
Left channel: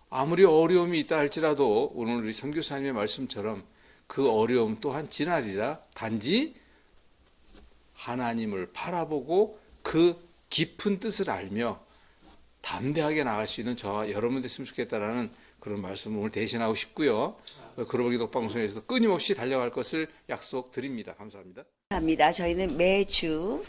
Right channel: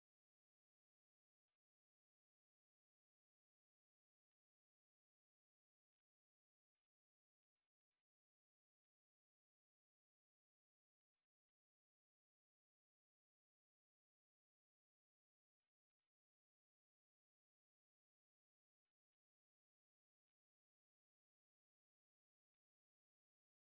아무리 어려움이 있다 할지라도 오늘 우리 선교사님의 말씀처럼 그 어려움 또한 지나리라. 단지 하나님을 바라보고 그 깊은 뜻을 알며 담대하게 나갈 수 있는 저와 여러분 됐으면 좋겠다라는 그런 말씀을 오늘 대신하고 싶고요. 글로벌 기독 방송에서 끊임없이 달려갈 것을 약속드립니다. 감사합니다. 감사합니다. 저희는 매주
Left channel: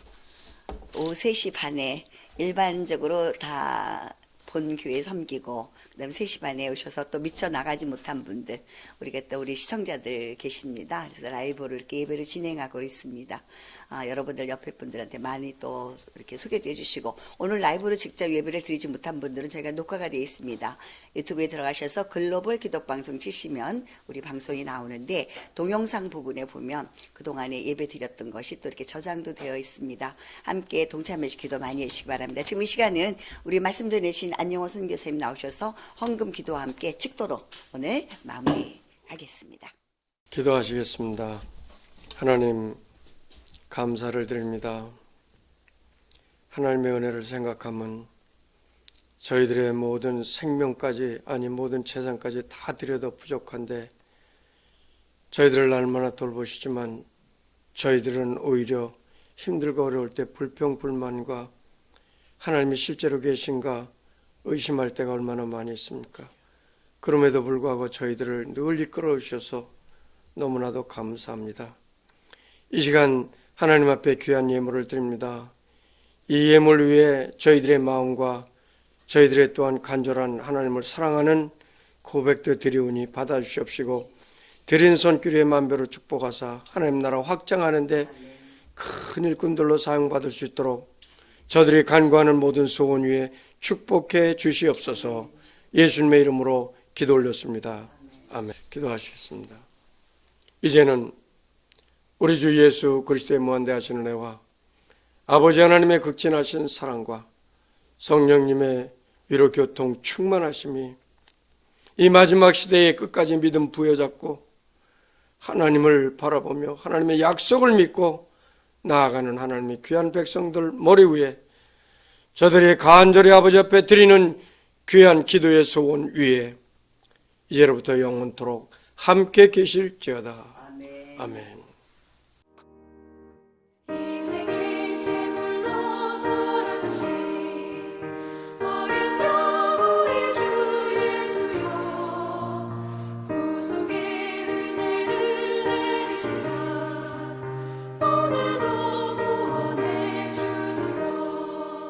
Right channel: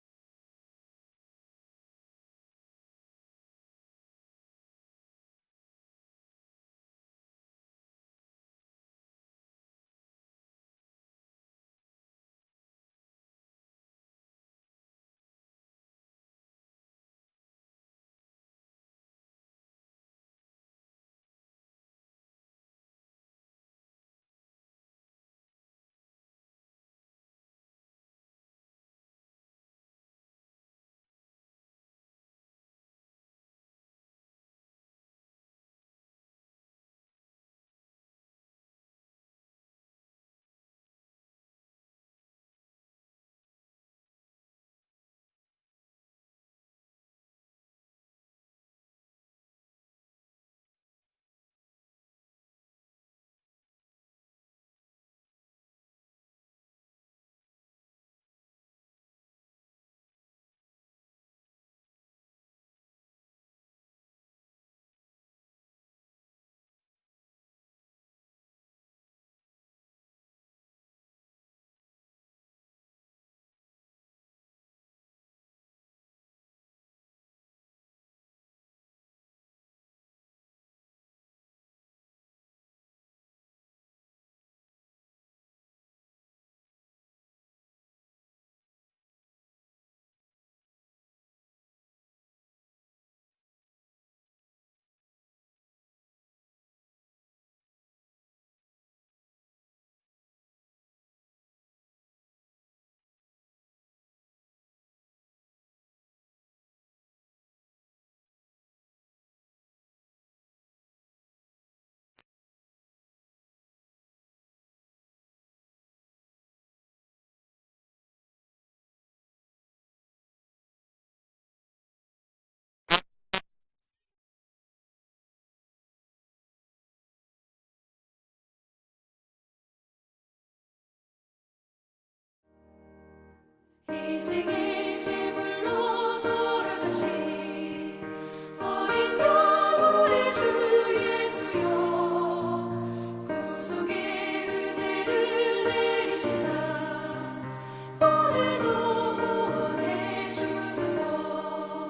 오후 3시 반에 일반적으로 다 본 교회 섬기고, 그다음에 3시 반에 오셔서 또 미처 나가지 못한 분들, 우리가 또 우리 시청자들 계십니다. 그래서 라이브로 이렇게 예배를 진행하고 있습니다. 여러분들 옆에 분들한테 많이 또 이렇게 소개도 해주시고, 오늘 라이브로 직접 예배를 드리지 못한 분들은 저희가 녹화가 되어 있습니다. 유튜브에 들어가셔서 글로벌 기독방송 치시면 우리 방송이 나오는데, 동영상 부분에 보면 그동안에 예배 드렸던 것이 또 이렇게 저장도 되어 있습니다. 함께 동참해주시 기도 많이 해주시기 바랍니다. 지금 이 시간은 우리 말씀 전해주신 안영호 선교사님 나오셔서 헌금 기도와 함께 축도로 오늘 마무리하겠습니다. 기도하시겠습니다. 하나님 감사를 드립니다. 하나님의 은혜를 생각하면 저희들의 모든 생명까지, 아니 모든 재산까지 다 드려도 부족한데, 저희들을 날마다 돌보시지만 저희들은 오히려 힘들고 어려울 때 불평불만과 하나님이 실제로 계신가 의심할 때가 얼마나 많이 있습니까? 그럼에도 불구하고 저희들을 늘 이끌어 주셔서 너무나도 감사합니다. 이 시간 하나님 앞에 귀한 예물을 드립니다. 이 예물 위에 저희들의 마음과 저희들의 또한 간절한 하나님을 사랑하는 고백도 드리오니 받아주시옵시고 드린 손길에 만배로 축복하사 하나님 나라 확장하는데 큰 일꾼들로 사용받을 수 있도록 저들이 간구하는 모든 소원 위에 축복해 주시옵소서. 예수님의 이름으로 기도 올렸습니다. 아멘. 기도하시겠습니다. 이제는 우리 주 예수 그리스도의 무한대하신 은혜와 아버지 하나님의 극진하신 사랑과 성령님의 위로 교통 충만하심이 이 마지막 시대의 끝까지 믿음 부여잡고 하나님을 바라보며 하나님의 약속을 믿고 나아가는 하나님의 귀한 백성들 머리 위에 저들이 간절히 아버지 앞에 드리는 귀한 기도의 소원 위에 이제로부터 영원토록 함께 계실지어다. 아멘. 이 세계